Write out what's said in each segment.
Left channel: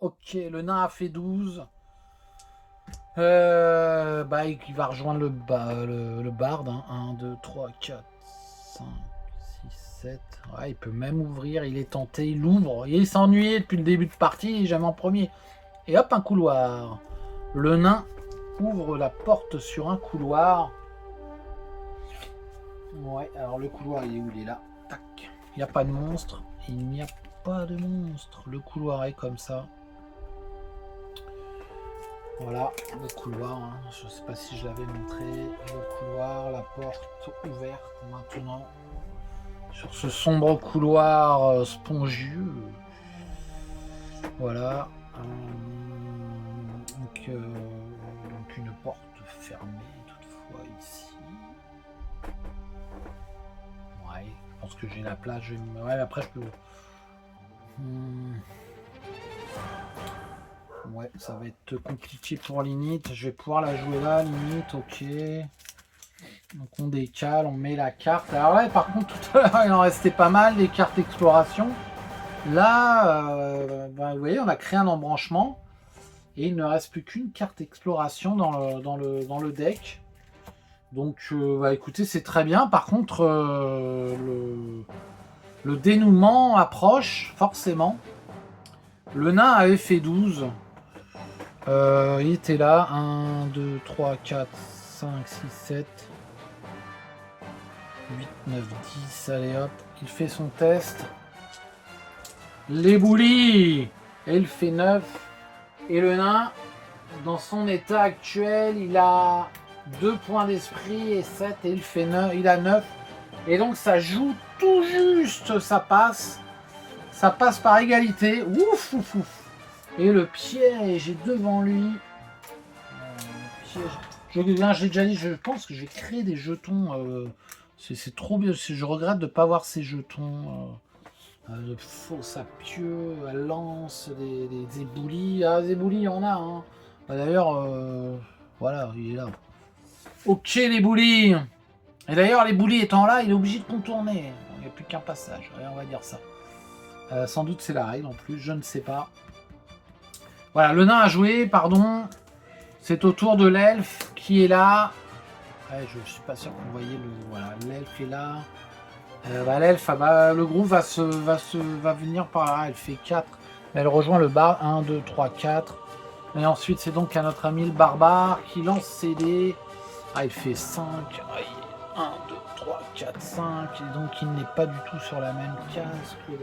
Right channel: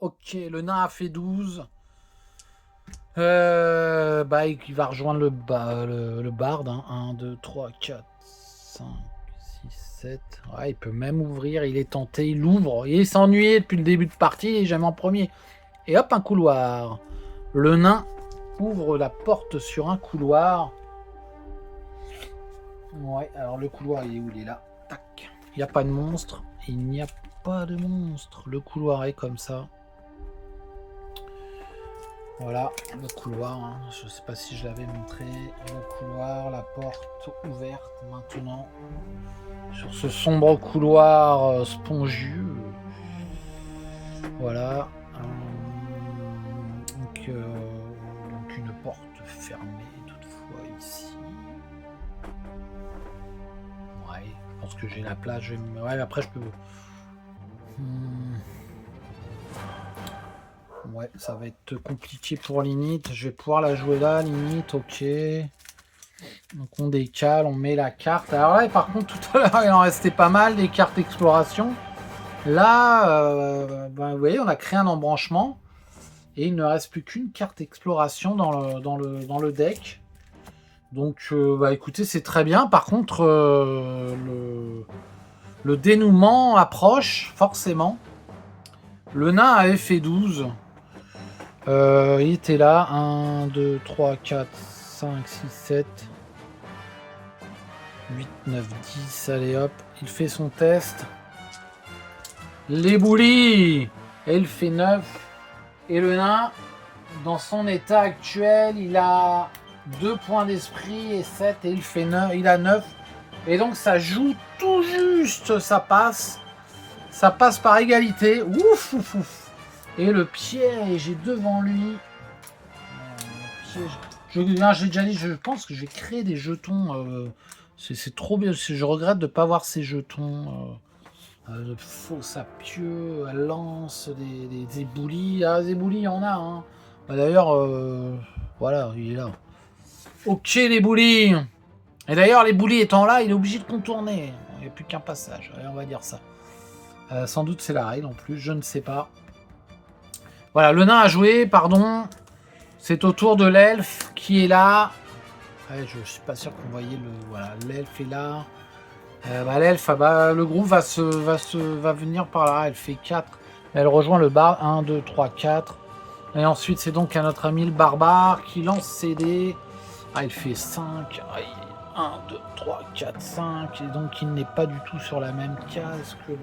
Ok, le nain a fait 12. Il va rejoindre le barde. Hein. 1, 2, 3, 4, 5, 6, 7. Ouais, il peut même ouvrir. Il est tenté. Il ouvre. Il s'ennuie depuis le début de partie. Il est jamais en premier. Et hop, un couloir. Le nain ouvre la porte sur un couloir. Ouais, alors le couloir, il est où? Il est là. Tac. Il n'y a pas de monstre. Il n'y a pas de monstre. Le couloir est comme ça. Voilà, le couloir. Hein. Je ne sais pas si je l'avais montré. Le couloir, la porte ouverte maintenant. Sur ce sombre couloir spongieux. Voilà. Donc une porte fermée toutefois ici. Ouais, je pense que j'ai la place. Ouais, après je peux... Ouais, ça va être compliqué pour limite. Je vais pouvoir la jouer là, limite, ok. Donc on décale, on met la carte. Alors là, par contre, tout à l'heure, il en restait pas mal, des cartes exploration. Là, vous voyez, on a créé un embranchement. Et il ne reste plus qu'une carte exploration dans le deck. Donc, écoutez, c'est très bien. Par contre, le dénouement approche, forcément. Le nain avait fait 12. Il était là. 1, 2, 3, 4, 5, 6, 7, 8, 9, 10. Allez hop, il fait son test. Les boulis. Et il fait 9. Et le nain, dans son état actuel, il a 2 points d'esprit et 7. Et il fait 9. Il a 9. Et donc ça joue tout juste. Ça passe. Ça passe par égalité. Ouf, ouf, ouf. Et le piège est devant lui. J'ai déjà dit, je pense que je vais créer des jetons. C'est trop bien. Je regrette de ne pas voir ces jetons. Le faux sapieux, lance, des éboulis. Ah, des éboulis, il y en a. Hein. D'ailleurs, voilà, il est là. Ok, les boulis. Et d'ailleurs, les boulis étant là, il est obligé de contourner. Il n'y a plus qu'un passage. Allez, on va dire ça. Sans doute c'est la règle en plus, je ne sais pas. Voilà, le nain a joué, pardon. C'est au tour de l'elfe qui est là. Ouais, je suis pas sûr qu'on voyait le. Voilà, l'elfe est là. L'elfe, le groupe va venir par là. Elle fait 4. Elle rejoint le bar. 1, 2, 3, 4. Et ensuite, c'est donc à notre ami le barbare qui lance ses dés. Ah, il fait 5. 1, 2, 3, 4, 5. Et donc, il n'est pas du tout sur la même case que le.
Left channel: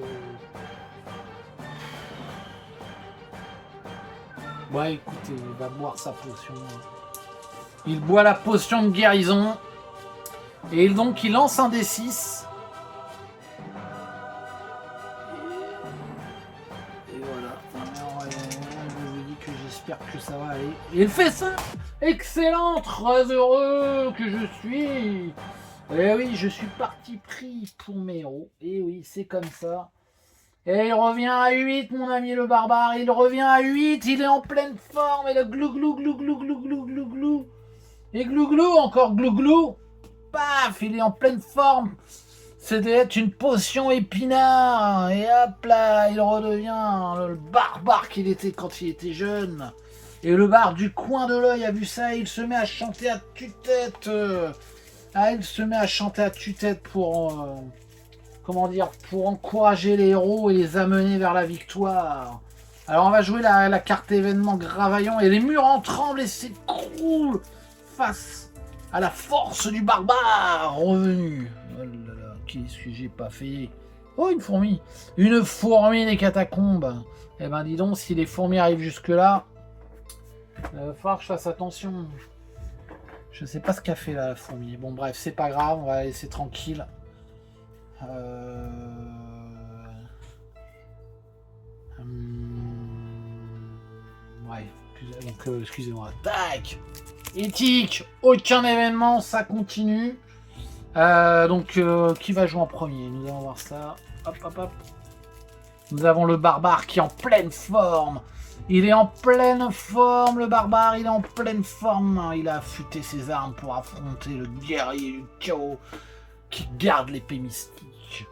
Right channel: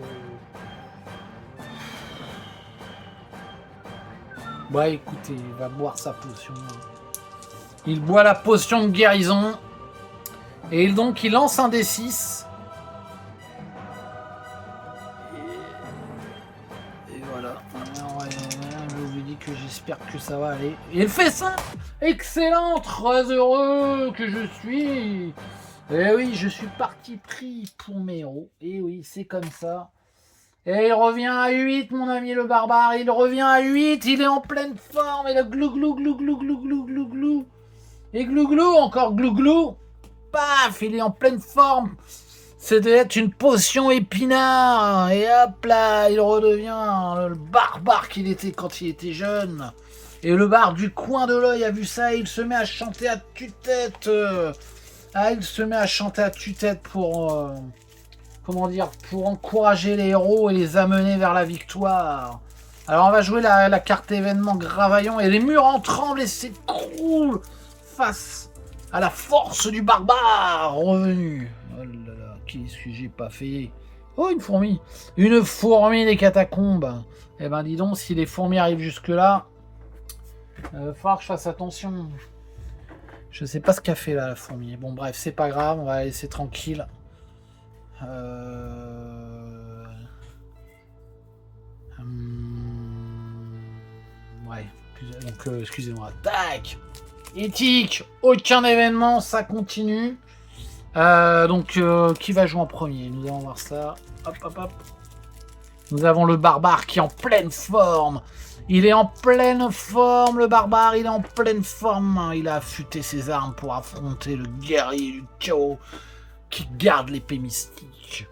Ouais, écoutez, il va boire sa potion. Il boit la potion de guérison. Et donc, il lance un D6. Et voilà. Je vous dis que j'espère que ça va aller. Et il fait ça. Excellent, très heureux que je suis. Et oui, je suis parti pris pour mes héros. Et oui, c'est comme ça. Et il revient à 8, mon ami le barbare. Il revient à 8. Il est en pleine forme. Et le glou glou glou glou glou glou glou glou. Et glou glou, encore glou glou. Paf, il est en pleine forme. C'était être une potion épinard. Et hop là, il redevient le barbare qu'il était quand il était jeune. Et le bar du coin de l'œil a vu ça et il se met à chanter à tue-tête. Il se met à chanter à tue-tête pour... comment dire, pour encourager les héros et les amener vers la victoire. Alors on va jouer la carte événement Gravaillon et les murs en tremblent et s'écroulent face à la force du barbare revenu. Oh là là, qu'est-ce que j'ai pas fait? Oh, une fourmi. Une fourmi des catacombes. Eh ben dis donc, si les fourmis arrivent jusque là, il va falloir que je fasse attention. Je sais pas ce qu'a fait là la fourmi. Bon bref, c'est pas grave, on va la laisser tranquille. Ouais, donc excusez-moi. Tac. Éthique, aucun événement, ça continue. Donc qui va jouer en premier? Nous allons voir ça. Hop, hop, hop. Nous avons le barbare qui est en pleine forme. Il est en pleine forme, le barbare, il est en pleine forme. Il a affûté ses armes pour affronter le guerrier du chaos qui garde l'épée mystique.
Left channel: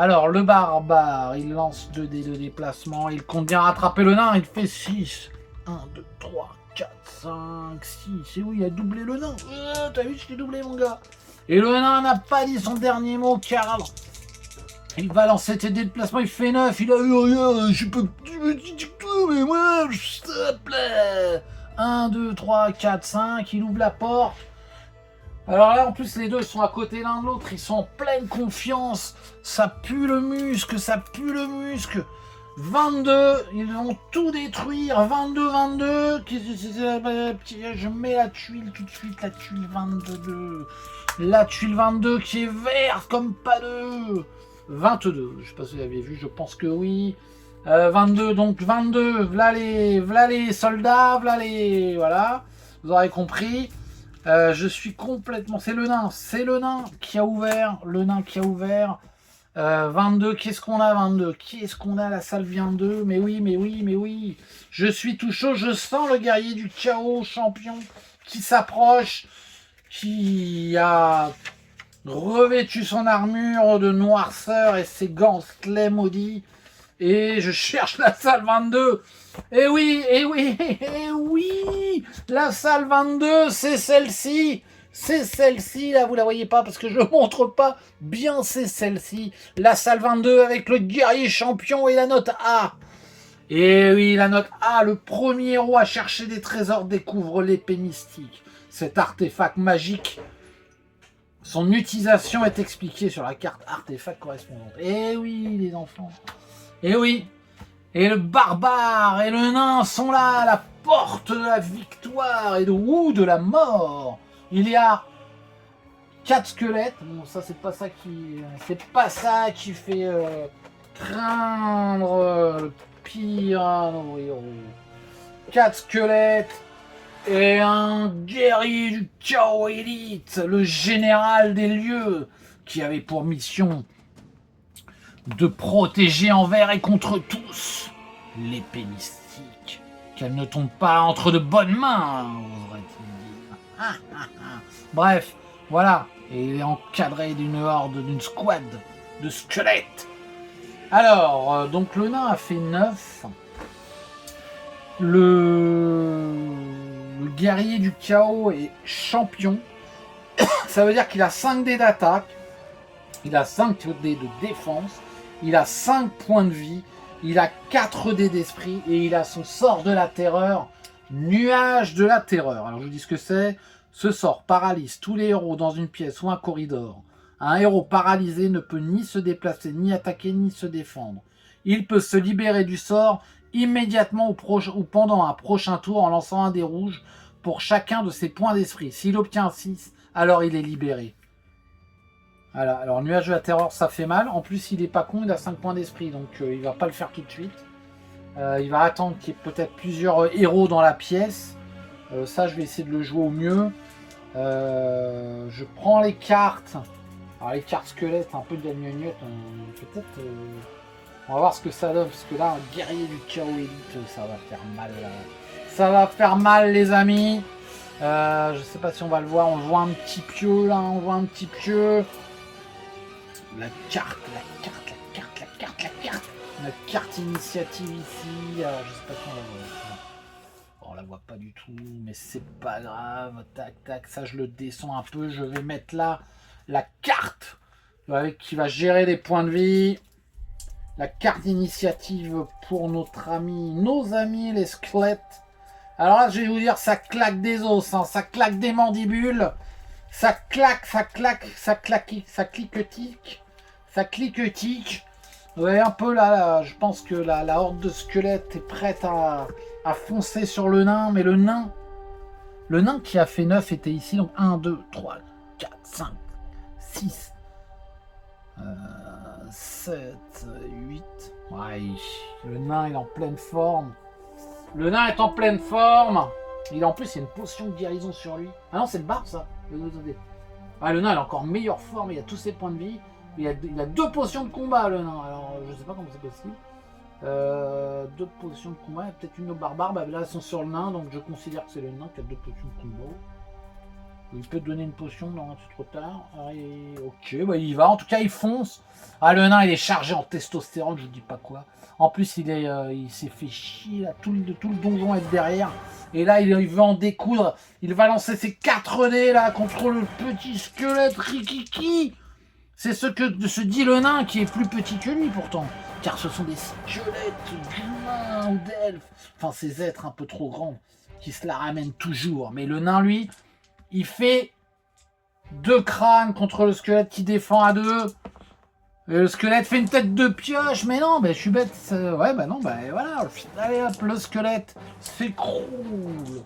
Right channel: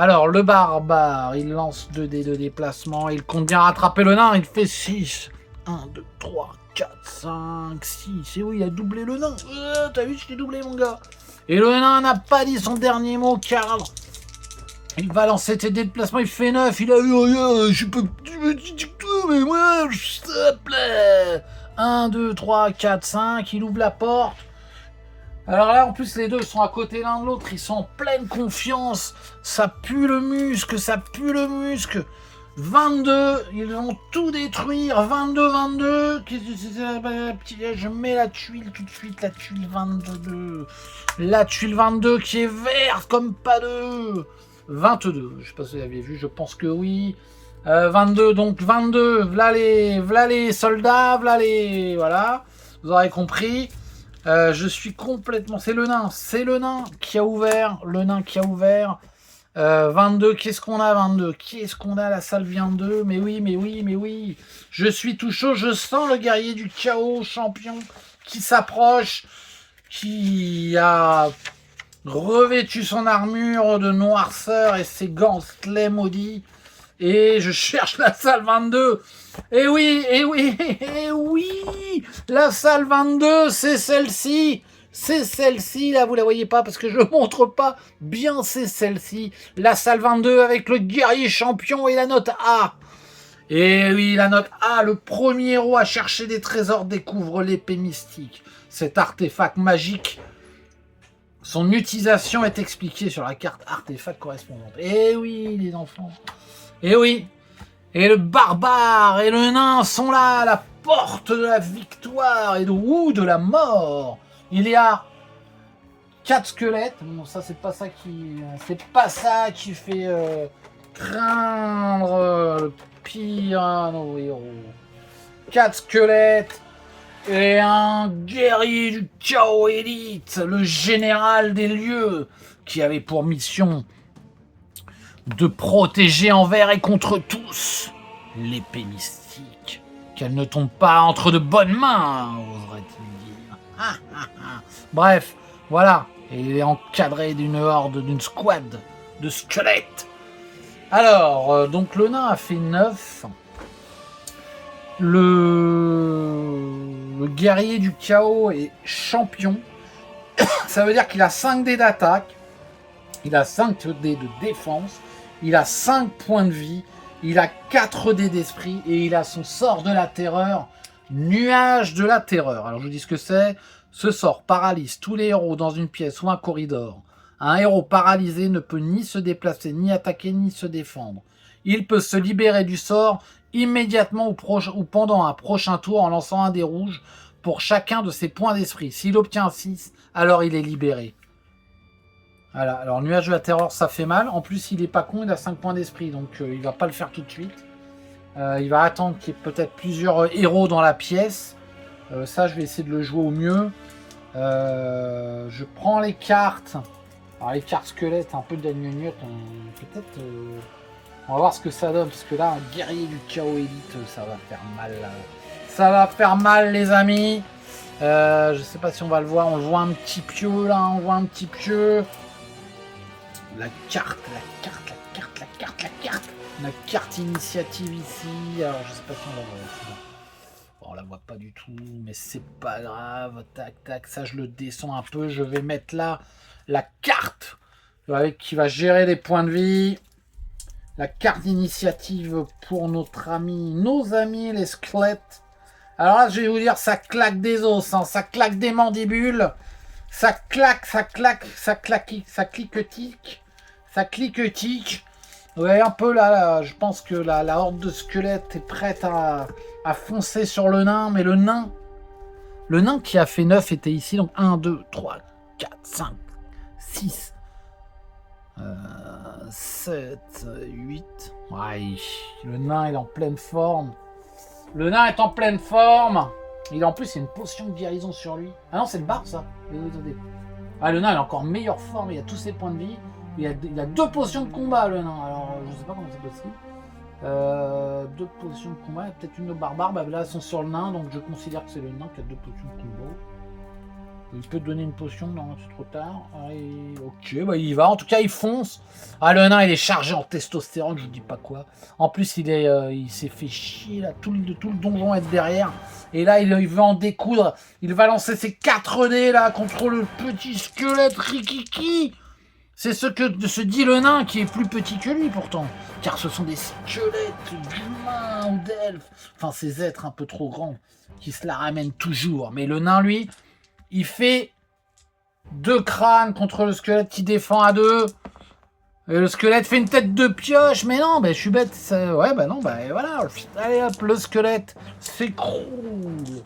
Alors, le barbare, il lance 2 dés de déplacement. Il compte bien rattraper le nain. Il fait 6. 1, 2, 3, 4, 5, 6. Et oui, il a doublé le nain. T'as vu, je t'ai doublé, mon gars. Et le nain n'a pas dit son dernier mot, car il va lancer ses dés de déplacement. Il fait 9. Il a eu rien. Je peux petit tout, mais moi, s'il te plaît. 1, 2, 3, 4, 5. Il ouvre la porte. Alors là, en plus, les deux sont à côté l'un de l'autre. Ils sont en pleine confiance. Ça pue le muscle, ça pue le muscle. 22, ils vont tout détruire. 22, 22. Je mets la tuile tout de suite. La tuile 22. La tuile 22 qui est verte comme pas de... 22. Je sais pas si vous l'avez vu. Je pense que oui. 22, donc 22. V'là les soldats. V'là les... Voilà. Vous aurez compris. Je suis complètement... C'est le nain qui a ouvert. 22, qu'est-ce qu'on a 22? Qu'est-ce qu'on a la salle 22? Mais oui. Je suis tout chaud, je sens le guerrier du chaos champion qui s'approche, qui a revêtu son armure de noirceur et ses gantelets maudits. Et je cherche la salle 22. Et oui, la salle 22, c'est celle-ci. C'est celle-ci, là, vous la voyez pas parce que je montre pas bien, c'est celle-ci. La salle 22 avec le guerrier champion et la note A. Et oui, la note A, le premier héros à chercher des trésors découvre l'épée mystique. Cet artefact magique, son utilisation est expliquée sur la carte artefact correspondante. Et oui, les enfants. Et oui, et le barbare et le nain sont là, à la porte de la victoire et de la mort. Il y a 4 squelettes. Bon, ça c'est pas ça qui fait craindre le pire à nos héros. 4 squelettes et un guerrier du chaos élite, le général des lieux, qui avait pour mission de protéger envers et contre tous l'épée mystique, qu'elle ne tombe pas entre de bonnes mains, oserait-il dire. Bref, voilà, et il est encadré d'une horde, d'une squad de squelettes. Alors, donc le nain a fait 9. Le guerrier du chaos est champion. Ça veut dire qu'il a 5 dés d'attaque, il a 5 dés de défense, il a 5 points de vie, il a 4 dés d'esprit et il a son sort de la terreur, nuage de la terreur. Alors je vous dis ce que c'est. Ce sort paralyse tous les héros dans une pièce ou un corridor. Un héros paralysé ne peut ni se déplacer, ni attaquer, ni se défendre. Il peut se libérer du sort immédiatement ou pendant un prochain tour en lançant un dé rouge pour chacun de ses points d'esprit. S'il obtient 6, alors il est libéré. Voilà, alors nuage de la terreur, ça fait mal. En plus, il est pas con, il a 5 points d'esprit, donc il va pas le faire tout de suite. Il va attendre qu'il y ait peut-être plusieurs héros dans la pièce. Ça, je vais essayer de le jouer au mieux. Je prends les cartes. Alors, les cartes squelettes, un peu de la gnognotte. Peut-être... on va voir ce que ça donne, parce que là, un guerrier du chaos élite, ça va faire mal. Là. Ça va faire mal, les amis. Je sais pas si on va le voir. On le voit un petit pieu, là. On voit un petit pieu. La carte. La carte initiative ici. Alors, je sais pas si on va voir. On la voit pas du tout, mais c'est pas grave. Tac, ça je le descends un peu. Je vais mettre là la carte qui va gérer les points de vie. La carte d'initiative pour nos amis les squelettes. Alors là, je vais vous dire, ça claque des os, hein, ça claque des mandibules. Ça claque, ça cliquetique. Ouais, un peu là, je pense que la horde de squelettes est prête à foncer sur le nain, mais le nain qui a fait 9 était ici, donc 1, 2, 3, 4, 5, 6, 7, 8. Ouais, le nain est en pleine forme. Le nain est en pleine forme. En plus, il y a une potion de guérison sur lui. Ah non, c'est le bar, ça. Ah, le nain, il est encore en meilleure forme. Il a tous ses points de vie. Il a 2 potions de combat, le nain. Alors, je sais pas comment c'est possible. 2 potions de combat. Il y a peut-être une au barbare. Bah, là, elles sont sur le nain. Donc, je considère que c'est le nain qui a 2 potions de combat. Il peut te donner une potion, non, c'est trop tard. Ok, bah il y va. En tout cas, il fonce. Ah, le nain, il est chargé en testostérone, je vous dis pas quoi. En plus, il s'est fait chier, là. Tout le donjon est derrière. Et là, il veut en découdre. Il va lancer ses 4 dés, là, contre le petit squelette Rikiki. C'est ce que se dit le nain, qui est plus petit que lui, pourtant. Car ce sont des squelettes d'humains ou d'elfes. Enfin, ces êtres un peu trop grands, qui se la ramènent toujours. Mais le nain, lui... Il fait 2 crânes contre le squelette qui défend à 2. Et le squelette fait une tête de pioche. Mais non, je suis bête. Ouais, non, voilà. Allez hop, le squelette s'écroule.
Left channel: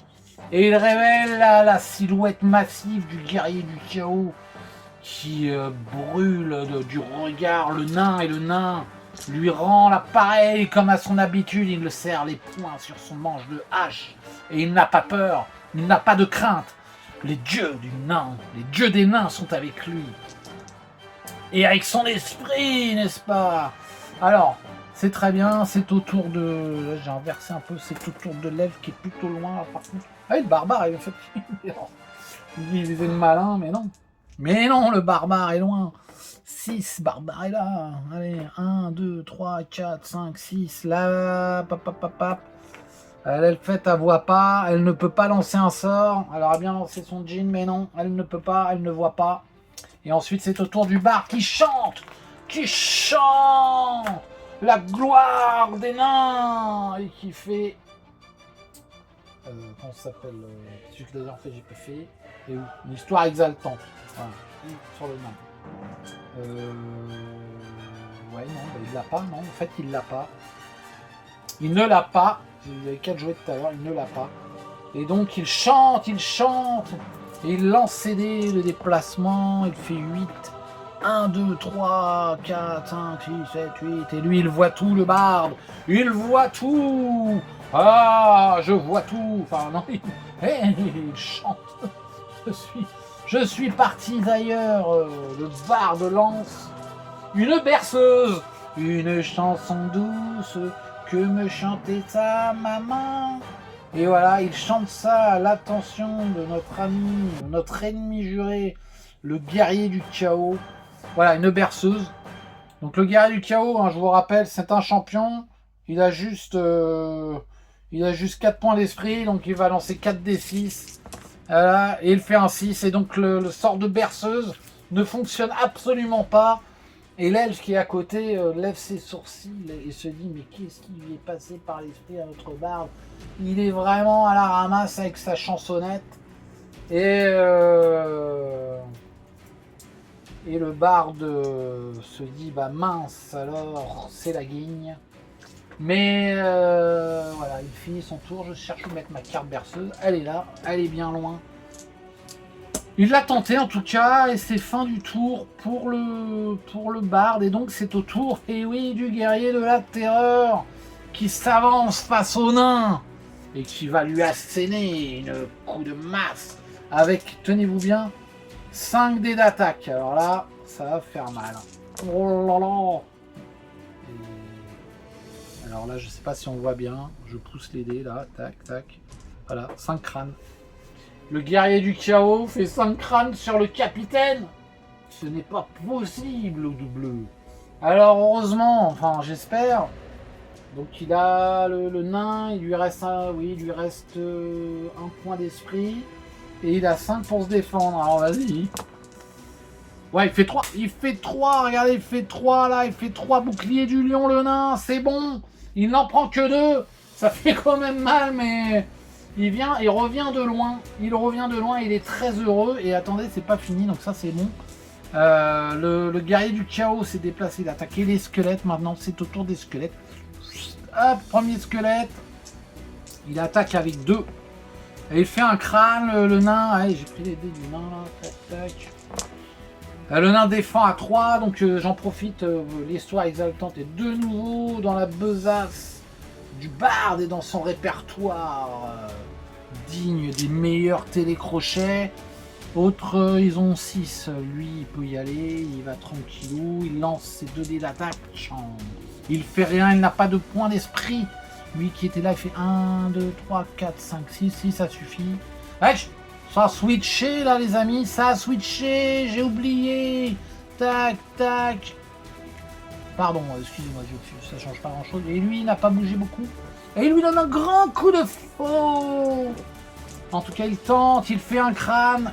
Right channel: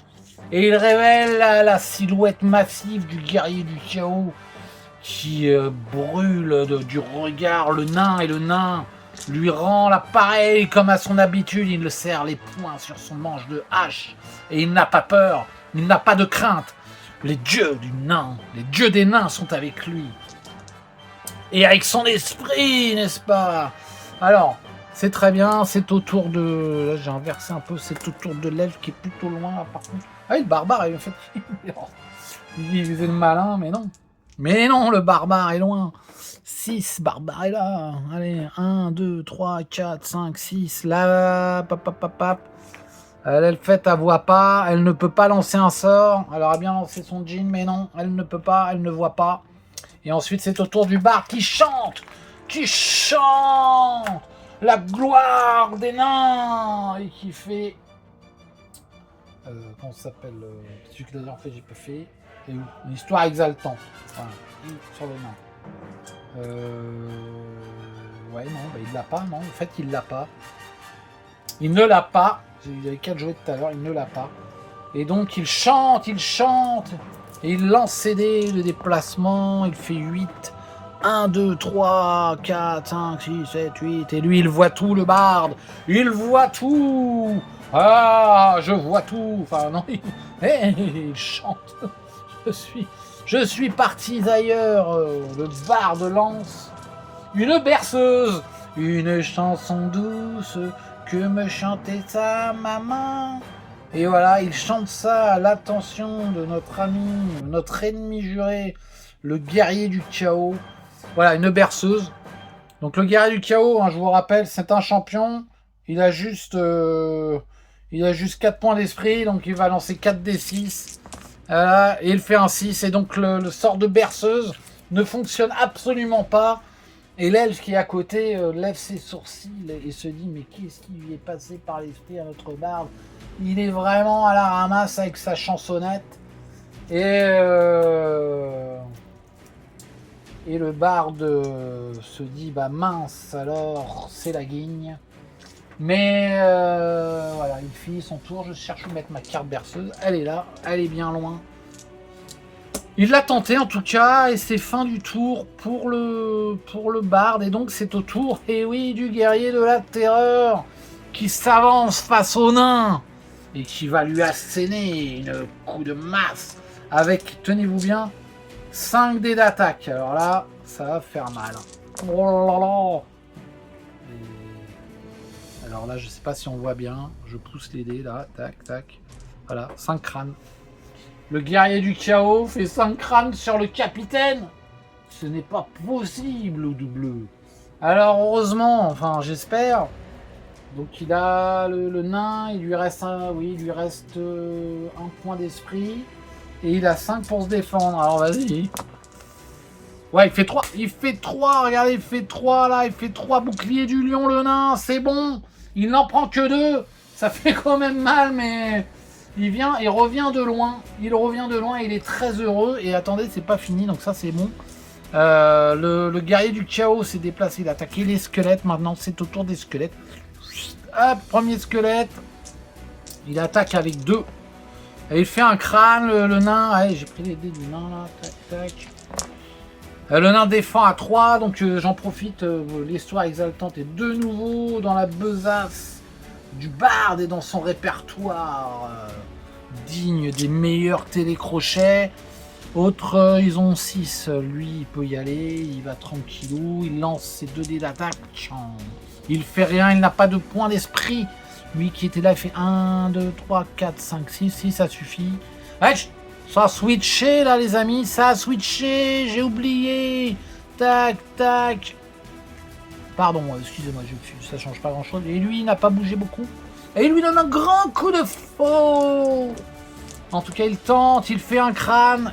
Et il révèle la silhouette massive du guerrier du chaos qui brûle du regard le nain. Et le nain lui rend l'appareil comme à son habitude. Il le serre les poings sur son manche de hache. Et il n'a pas peur. Il n'a pas de crainte. Les dieux du nain, les dieux des nains sont avec lui. Et avec son esprit, n'est-ce pas? Alors, c'est très bien, c'est au tour de... Là, j'ai inversé un peu, c'est au tour de l'elfe qui est plutôt loin, là, par contre. Ah, le barbare, il fait... Il faisait le malin, mais non. Mais non, le barbare est loin. 6, barbare est là. Allez, 1, 2, 3, 4, 5, 6, là, pap. Elle fait, elle voit pas, elle ne peut pas lancer un sort. Elle aurait bien lancé son djinn, mais non, elle ne peut pas, elle ne voit pas. Et ensuite, c'est au tour du bar qui chante la gloire des nains et qui fait... comment ça s'appelle celui que d'ailleurs fait, j'ai pas fait. Et où une histoire exaltante. Voilà. Sur le nain. Ouais, non, il l'a pas, non, en fait, il l'a pas. Il ne l'a pas. Il y avait 4 jouets tout à l'heure, il ne l'a pas. Et donc il chante. Et il lance ses dés de déplacement. Il fait 8. 1, 2, 3, 4, 5, 6, 7, 8. Et lui, il voit tout, le barde. Il voit tout. Ah, je vois tout. Enfin, non, il chante. Je suis parti d'ailleurs. Le barde lance une berceuse. Une chanson douce. Que me chantait sa maman. Et voilà, il chante ça à l'attention de notre ami, notre ennemi juré, le guerrier du chaos. Voilà, une berceuse. Donc le guerrier du chaos, je vous rappelle, c'est un champion. Il a juste 4 points d'esprit, donc il va lancer 4d6. Voilà, et il fait un 6. Et donc le sort de berceuse ne fonctionne absolument pas. Et l'elfe qui est à côté lève ses sourcils et se dit mais qu'est-ce qui lui est passé par l'esprit à notre barde? Il est vraiment à la ramasse avec sa chansonnette. Et le barde se dit bah mince alors c'est la guigne. Mais voilà, il finit son tour. Je cherche où mettre ma carte berceuse. Elle est là, elle est bien loin. Il l'a tenté en tout cas, et c'est fin du tour pour le barde, et donc c'est au tour, et oui, du guerrier de la terreur, qui s'avance face au nain, et qui va lui asséner une coup de masse, avec, tenez-vous bien, 5 dés d'attaque. Alors là, ça va faire mal. Oh là là. Alors là, je sais pas si on voit bien, je pousse les dés là, tac, tac, voilà, 5 crânes. Le guerrier du chaos fait 5 crânes sur le capitaine. Ce n'est pas possible, au double. Alors heureusement, enfin j'espère. Donc il a le nain, il lui reste un point d'esprit. Et il a 5 pour se défendre. Alors vas-y. Ouais, il fait 3. Il fait 3, regardez, il fait 3 là. Il fait 3 boucliers du lion, le nain. C'est bon. Il n'en prend que 2. Ça fait quand même mal, mais... Il revient de loin. Il est très heureux. Et attendez, c'est pas fini, donc ça c'est bon. Le guerrier du chaos s'est déplacé. Il a attaqué les squelettes. Maintenant, c'est au tour des squelettes. Hop, premier squelette. Il attaque avec 2. Et il fait un crâne, le nain. Allez, j'ai pris les dés du nain. Tac, tac. Le nain défend à 3. Donc j'en profite. L'histoire exaltante est de nouveau dans la besace du barde et dans son répertoire digne des meilleurs télécrochets. Autres, ils ont 6. Lui, il peut y aller. Il va tranquillou. Il lance ses 2 dés d'attaque. Il fait rien. Il n'a pas de point d'esprit. Lui qui était là, il fait 1, 2, 3, 4, 5, 6. 6, ça suffit. Ouais, Ça a switché là les amis, ça a switché, j'ai oublié. Tac, tac. Pardon, excusez-moi, ça change pas grand chose. Et lui, il n'a pas bougé beaucoup. Et il lui donne un grand coup de faux. En tout cas, il tente, il fait un crâne,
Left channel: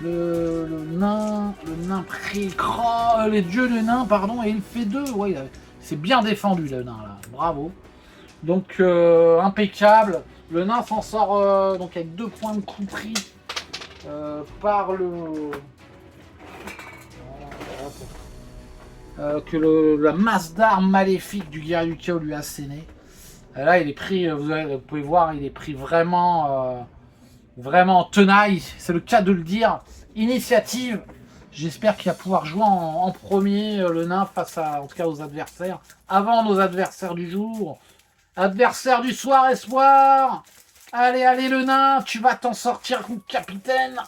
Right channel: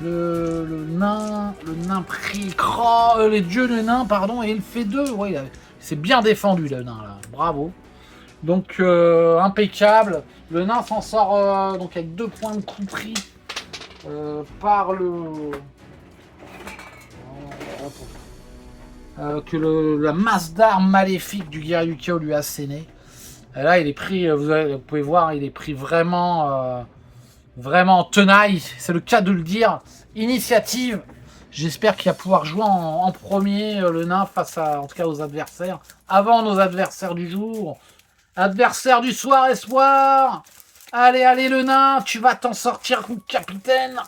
Le nain pré-cran, les dieux de nain, pardon, et il fait 2. Ouais, c'est bien défendu le nain là, bravo. Donc impeccable. Le nain s'en sort donc avec 2 points de coup pris par le la masse d'armes maléfique du guerrier du chaos lui a asséné. Et là, il est pris, vous pouvez voir, il est pris vraiment en tenaille. C'est le cas de le dire. Initiative. J'espère qu'il va pouvoir jouer en premier le nain face à, en tout cas, aux adversaires. Avant nos adversaires du jour. Adversaire du soir, espoir. Allez, allez, le nain, tu vas t'en sortir, capitaine.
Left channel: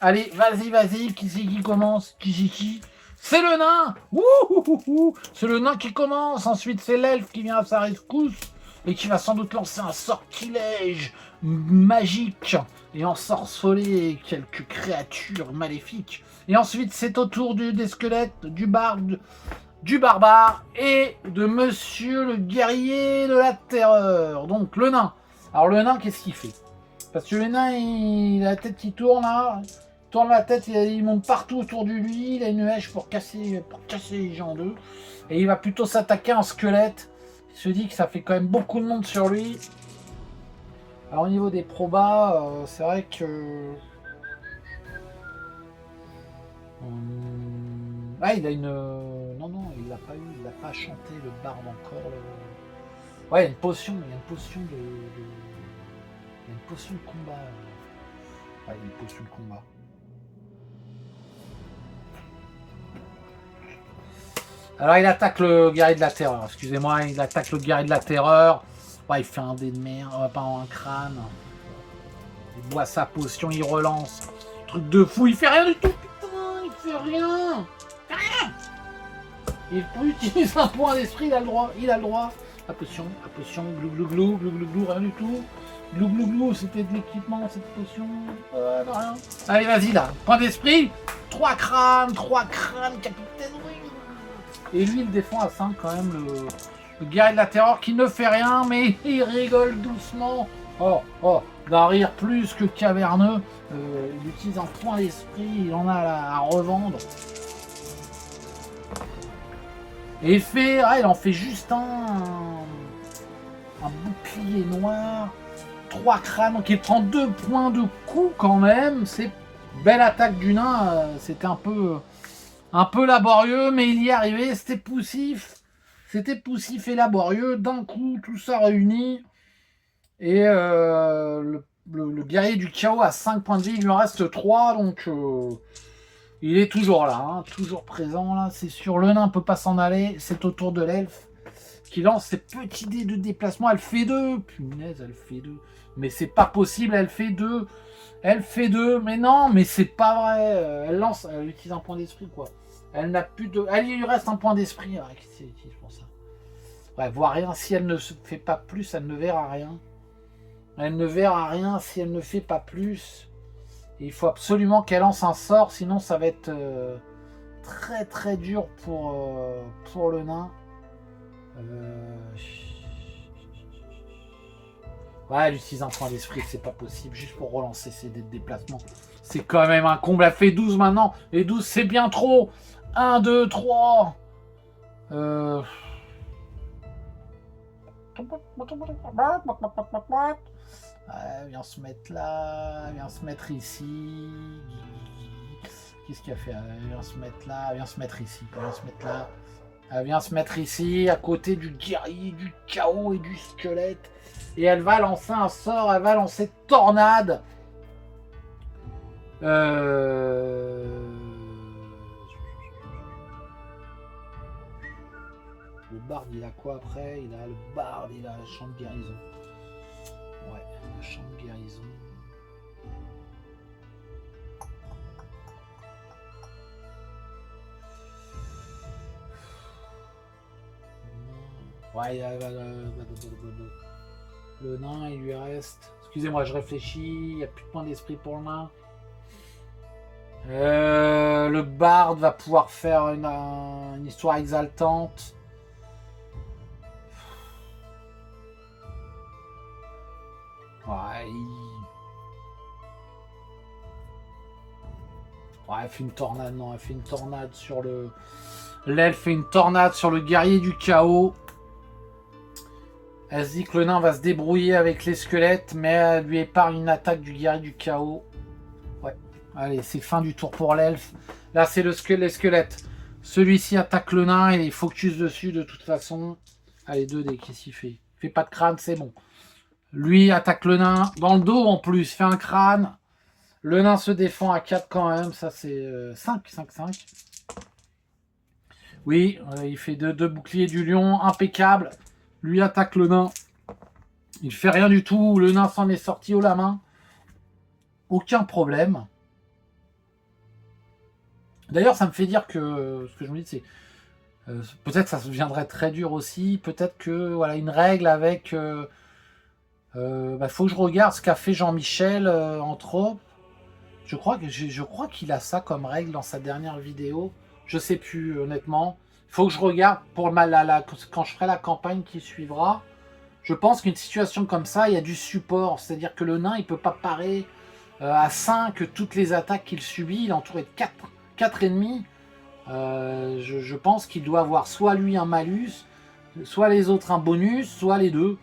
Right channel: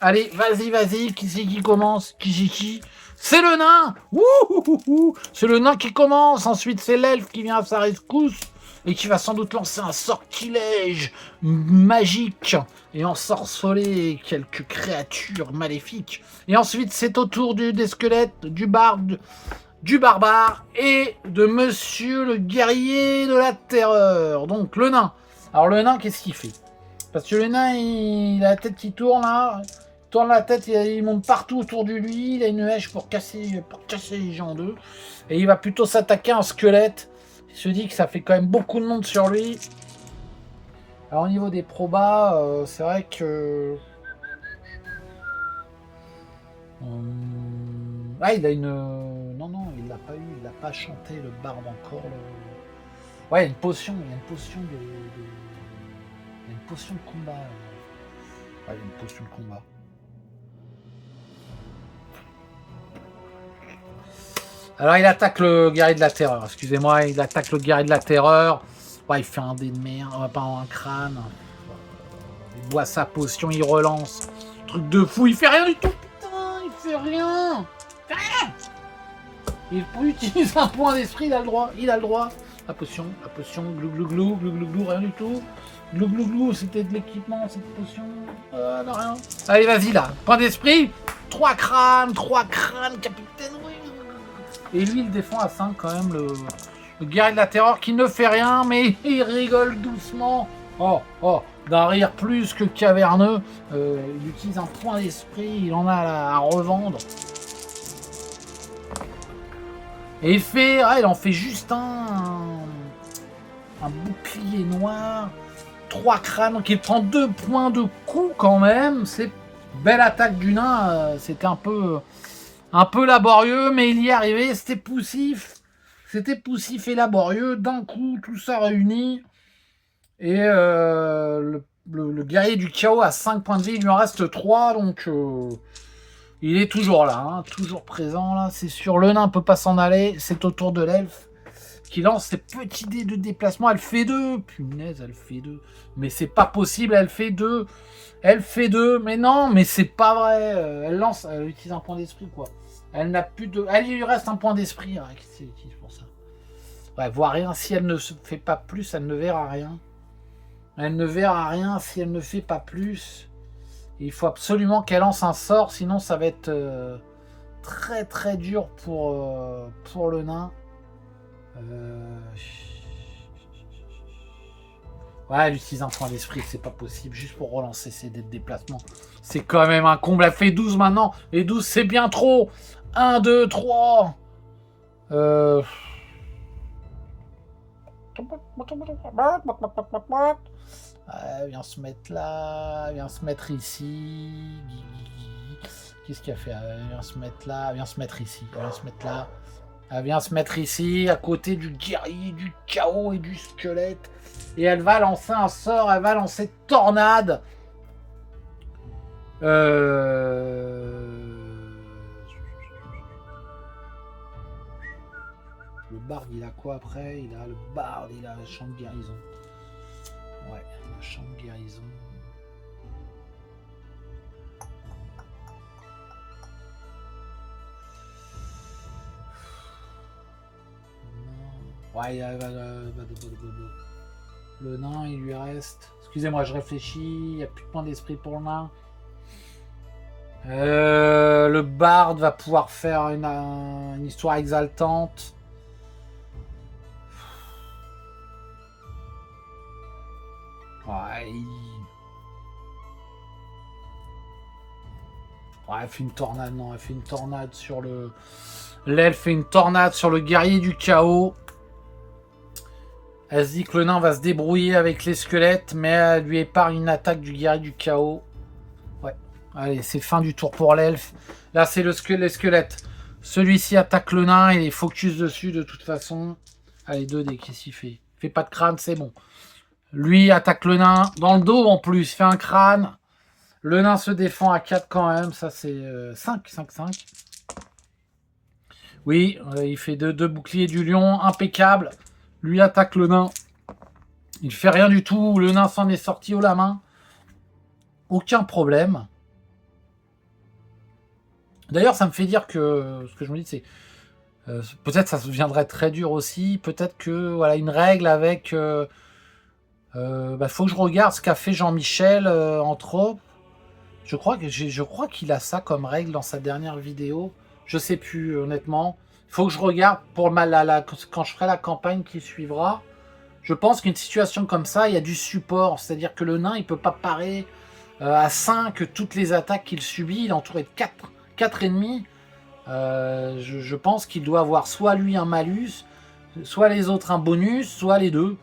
Allez, vas-y, qui c'est qui commence? Qui? C'est le nain. Ouh. C'est le nain qui commence. Ensuite, c'est l'elfe qui vient à sa rescousse et qui va sans doute lancer un sortilège magique et ensorceler quelques créatures maléfiques. Et ensuite, c'est au tour des squelettes, du barde, du barbare et de monsieur le guerrier de la terreur. Donc, le nain. Alors, le nain, qu'est-ce qu'il fait? Parce que le nain, il a la tête qui tourne, là. Il tourne la tête, il monte partout autour de lui. Il a une hache pour casser les gens en deux. Et il va plutôt s'attaquer à un squelette. Il se dit que ça fait quand même beaucoup de monde sur lui. Alors au niveau des probas, c'est vrai que... Ah, il a une... Non, il l'a pas eu, il l'a pas chanté, le barbe encore. Ouais, il y a une potion, de... Il y a une potion de combat. Ouais, il y a une potion de combat. Alors il attaque le guerrier de la terreur, excusez-moi, il attaque le guerrier de la terreur. Ouais, il fait un dé de merde, pas un crâne. Il boit sa potion, il relance. Truc de fou, il fait rien du tout, putain, il fait rien. Il peut utiliser un point d'esprit, il a le droit. La potion, glou, rien du tout. Glou, c'était de l'équipement, cette potion. Non, rien. Allez, vas-y là, point d'esprit. 3 crânes, capitaine, oui. Et lui, il défend à 5 quand même, le guerrier de la terreur qui ne fait rien, mais il rigole doucement. Oh, d'un rire plus que caverneux. Il utilise un point d'esprit, il en a à revendre. Et il en fait juste un bouclier noir. 3 crânes, donc il prend 2 points de coup quand même. C'est belle attaque du nain, c'était un peu laborieux, mais il y est arrivé, c'était poussif et laborieux, d'un coup, tout ça réuni, et le guerrier du chaos a 5 points de vie, il lui en reste 3, donc il est toujours là, hein, toujours présent, là, c'est sûr, le nain peut pas s'en aller, c'est au tour de l'elfe, qui lance ses petits dés de déplacement, elle fait 2, punaise, elle fait 2, mais c'est pas possible, elle fait 2, mais non, mais c'est pas vrai, elle utilise un point d'esprit, quoi. Elle n'a plus de... Elle, il lui reste un point d'esprit. Qu'est-ce qu'elle utilise pour ça? Ouais, voit rien. Si elle ne se fait pas plus, elle ne verra rien. Elle ne verra rien si elle ne fait pas plus. Il faut absolument qu'elle lance un sort, sinon ça va être très très dur pour le nain. Ouais, elle utilise un point d'esprit, c'est pas possible, juste pour relancer ses dés de déplacement. C'est quand même un comble, elle fait 12 maintenant, et 12 c'est bien trop. 1, 2, 3. Viens se mettre là, viens se mettre ici. Qu'est-ce qu'il a fait? Viens se mettre là, viens se mettre ici, viens se mettre là. Elle vient se mettre ici, à côté du guerrier, du chaos et du squelette. Et elle va lancer un sort, elle va lancer tornade. Le barde, il a quoi après? Il a le barde, il a le champ de guérison. Ouais, le champ de guérison. Ouais, le nain, il lui reste... Parce Excusez-moi, je réfléchis. Il n'y a plus de point d'esprit pour le nain. Le barde va pouvoir faire une histoire exaltante. Ouais, ouais, elle fait une tornade, non, elle fait une tornade sur le... L'elfe fait une tornade sur le guerrier du chaos. Elle se dit que le nain va se débrouiller avec les squelettes, mais elle lui épargne une attaque du guerrier du chaos. Ouais, allez, c'est fin du tour pour l'elfe. Là, c'est les squelettes. Celui-ci attaque le nain, il est focus dessus de toute façon. Allez, 2D, qu'est-ce qu'il fait? Il fait pas de crâne, c'est bon. Lui attaque le nain dans le dos en plus, fait un crâne. Le nain se défend à 4 quand même, ça c'est 5. Oui, il fait deux boucliers du lion, impeccable. Lui attaque le nain. Il fait rien du tout, le nain s'en est sorti haut la main. Aucun problème. D'ailleurs, ça me fait dire que ce que je me dis, c'est peut-être ça deviendrait très dur aussi. Peut-être que voilà une règle avec. Faut que je regarde ce qu'a fait Jean-Michel entre autres. Je crois qu'il a ça comme règle dans sa dernière vidéo. Je sais plus honnêtement. Il faut que je regarde pour quand je ferai la campagne qui suivra. Je pense qu'une situation comme ça, il y a du support. C'est-à-dire que le nain, il peut pas parer à 5 toutes les attaques qu'il subit. Il est entouré de 4 ennemis. Je pense qu'il doit avoir soit lui un malus, soit les autres un bonus, soit les deux.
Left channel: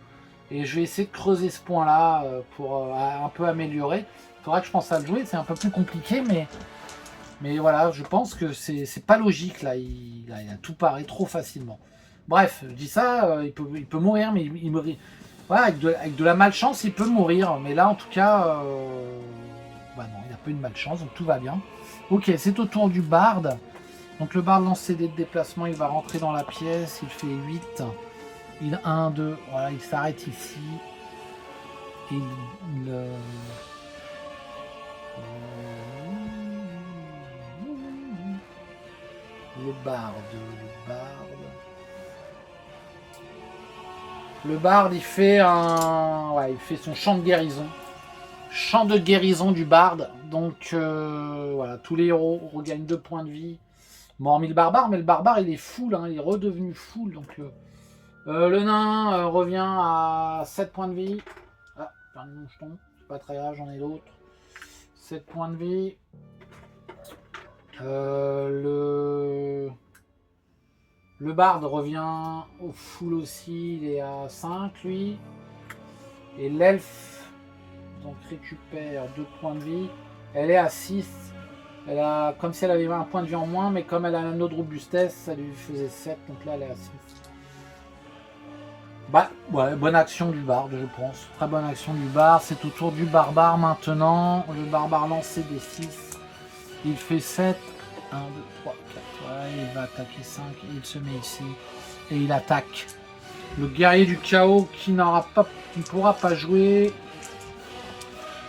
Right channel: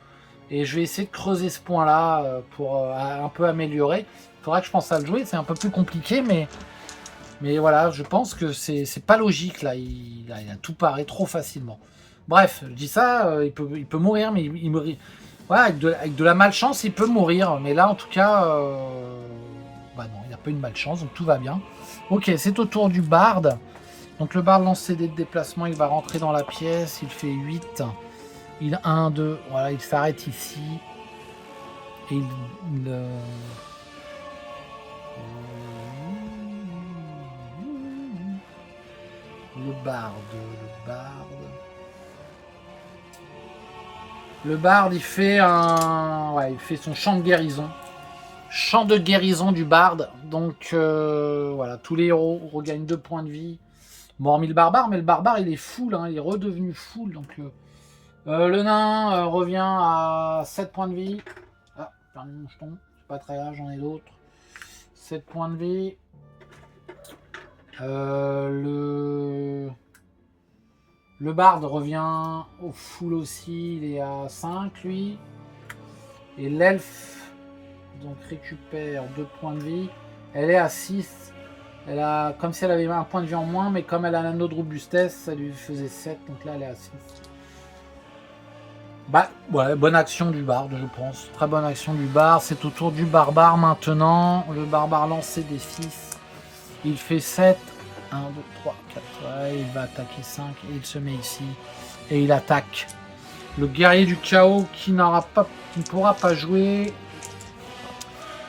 Et je vais essayer de creuser ce point-là pour un peu améliorer. Il faudra que je pense à le jouer. C'est un peu plus compliqué, mais voilà, je pense que c'est pas logique là. Il a tout paré trop facilement. Bref, je dis ça, il peut mourir, mais il meurt. Voilà, avec de la malchance, il peut mourir. Mais là, en tout cas, non, il n'a pas eu de malchance, donc tout va bien. Ok, c'est au tour du barde. Donc le barde lance ses dés de déplacement, il va rentrer dans la pièce, il fait 8. Il 1, 2, voilà, il s'arrête ici. Et le barde. Le barde, il fait il fait son chant de guérison. Chant de guérison du barde. Donc voilà, tous les héros regagnent 2 points de vie. Bon, hormis le barbare, mais le barbare il est full, hein, il est redevenu full. Donc le nain revient à 7 points de vie. Ah, perdu mon jeton. C'est pas très grave, j'en ai d'autres. 7 points de vie. Le barde revient au full aussi, il est à 5 lui. Et l'elfe donc récupère 2 points de vie. Elle est à 6. Elle a comme si elle avait un point de vie en moins, mais comme elle a un autre robustesse, ça lui faisait 7. Donc là elle est à 6. Bah ouais, bonne action du barde, je pense. Très bonne action du barde. C'est au tour du barbare maintenant. Le barbare lance ses D6. Il fait 7. 1, 2, 3, 4. Ouais, il va attaquer 5. Et il se met ici. Et il attaque. Le guerrier du chaos qui ne pourra pas jouer.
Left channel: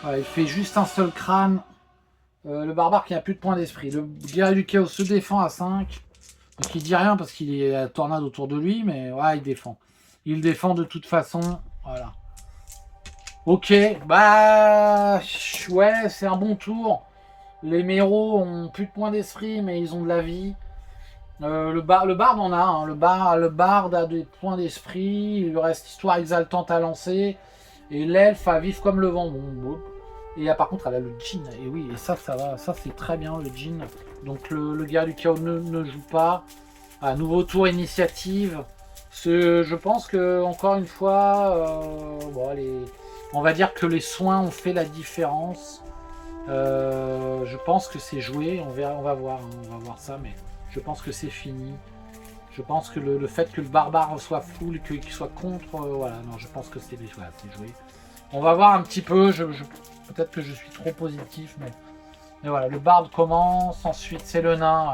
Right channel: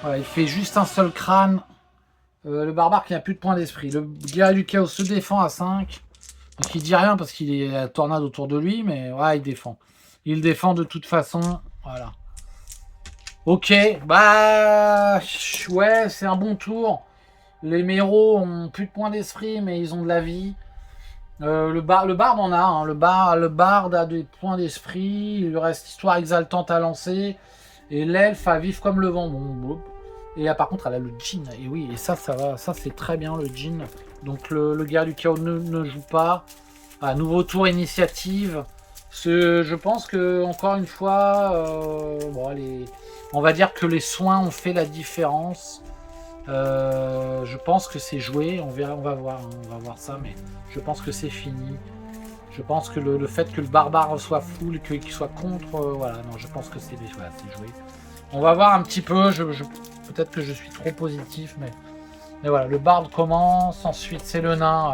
Ouais, il fait juste un seul crâne. Le barbare qui n'a plus de points d'esprit. Le guerrier du chaos se défend à 5. Donc il dit rien parce qu'il y a la tornade autour de lui. Mais ouais, il défend. Il défend de toute façon. Voilà. Ok. Bah. Ouais, c'est un bon tour. Les méros ont plus de points d'esprit, mais ils ont de la vie. Le barde en a. Hein. Le barde a des points d'esprit. Il lui reste histoire exaltante à lancer. Et l'elfe à vivre comme le vent. Bon. Et par contre, elle a le djinn. Et oui, et ça va. Ça, c'est très bien, le djinn. Donc, le guerrier du chaos ne joue pas. Nouveau tour initiative. Je pense que, encore une fois, on va dire que les soins ont fait la différence. Je pense que c'est joué, on va voir ça, mais je pense que c'est fini. Je pense que le fait que le barbare soit full, qu'il soit contre, je pense que c'est joué. On va voir un petit peu, peut-être que je suis trop positif, mais voilà, le barde commence, ensuite c'est le nain,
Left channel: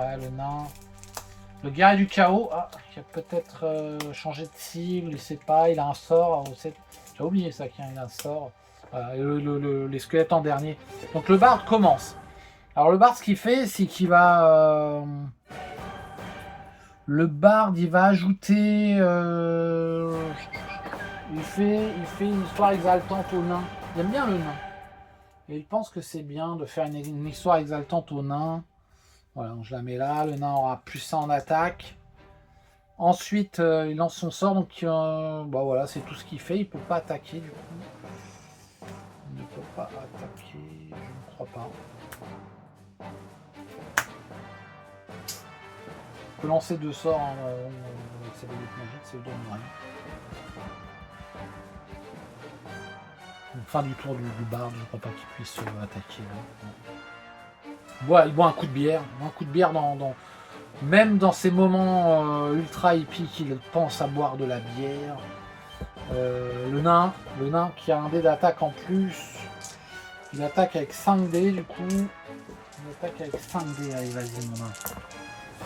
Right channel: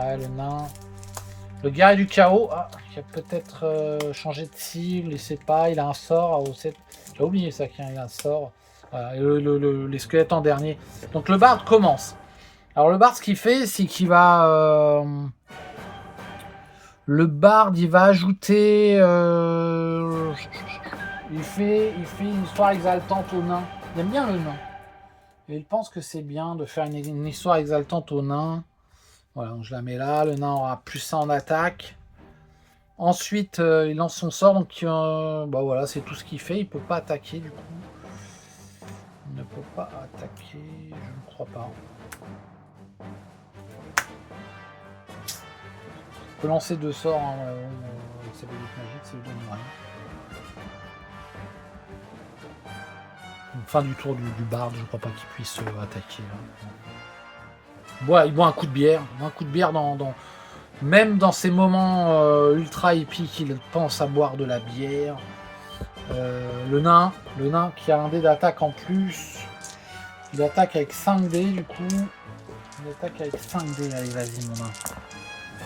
le guerrier du chaos, qui a peut-être changé de cible, je sais pas, il a un sort, j'ai oublié ça, qu'il a un sort. Voilà, les squelettes en dernier. Donc le barde commence. Alors le barde, ce qu'il fait, c'est qu'il va... le barde, il va ajouter... il fait une histoire exaltante au nain. Il aime bien le nain. Et il pense que c'est bien de faire une histoire exaltante au nain. Voilà, donc je la mets là. Le nain aura plus ça en attaque. Ensuite, il lance son sort. Donc, bah voilà, c'est tout ce qu'il fait. Il peut pas attaquer du coup. Il ne peut pas attaquer. Je ne crois pas. Il peut lancer 2 sorts hein, avec sa baguette magique. C'est le bon moment. Fin du tour du barde, je crois pas qu'il puisse attaquer. Il boit un coup de bière. Un coup de bière même dans ces moments ultra épiques, il pense à boire de la bière. Le nain qui a un dé d'attaque en plus. Il attaque avec 5 dés du coup. Il attaque avec 5 dés. Allez, vas-y mon nain.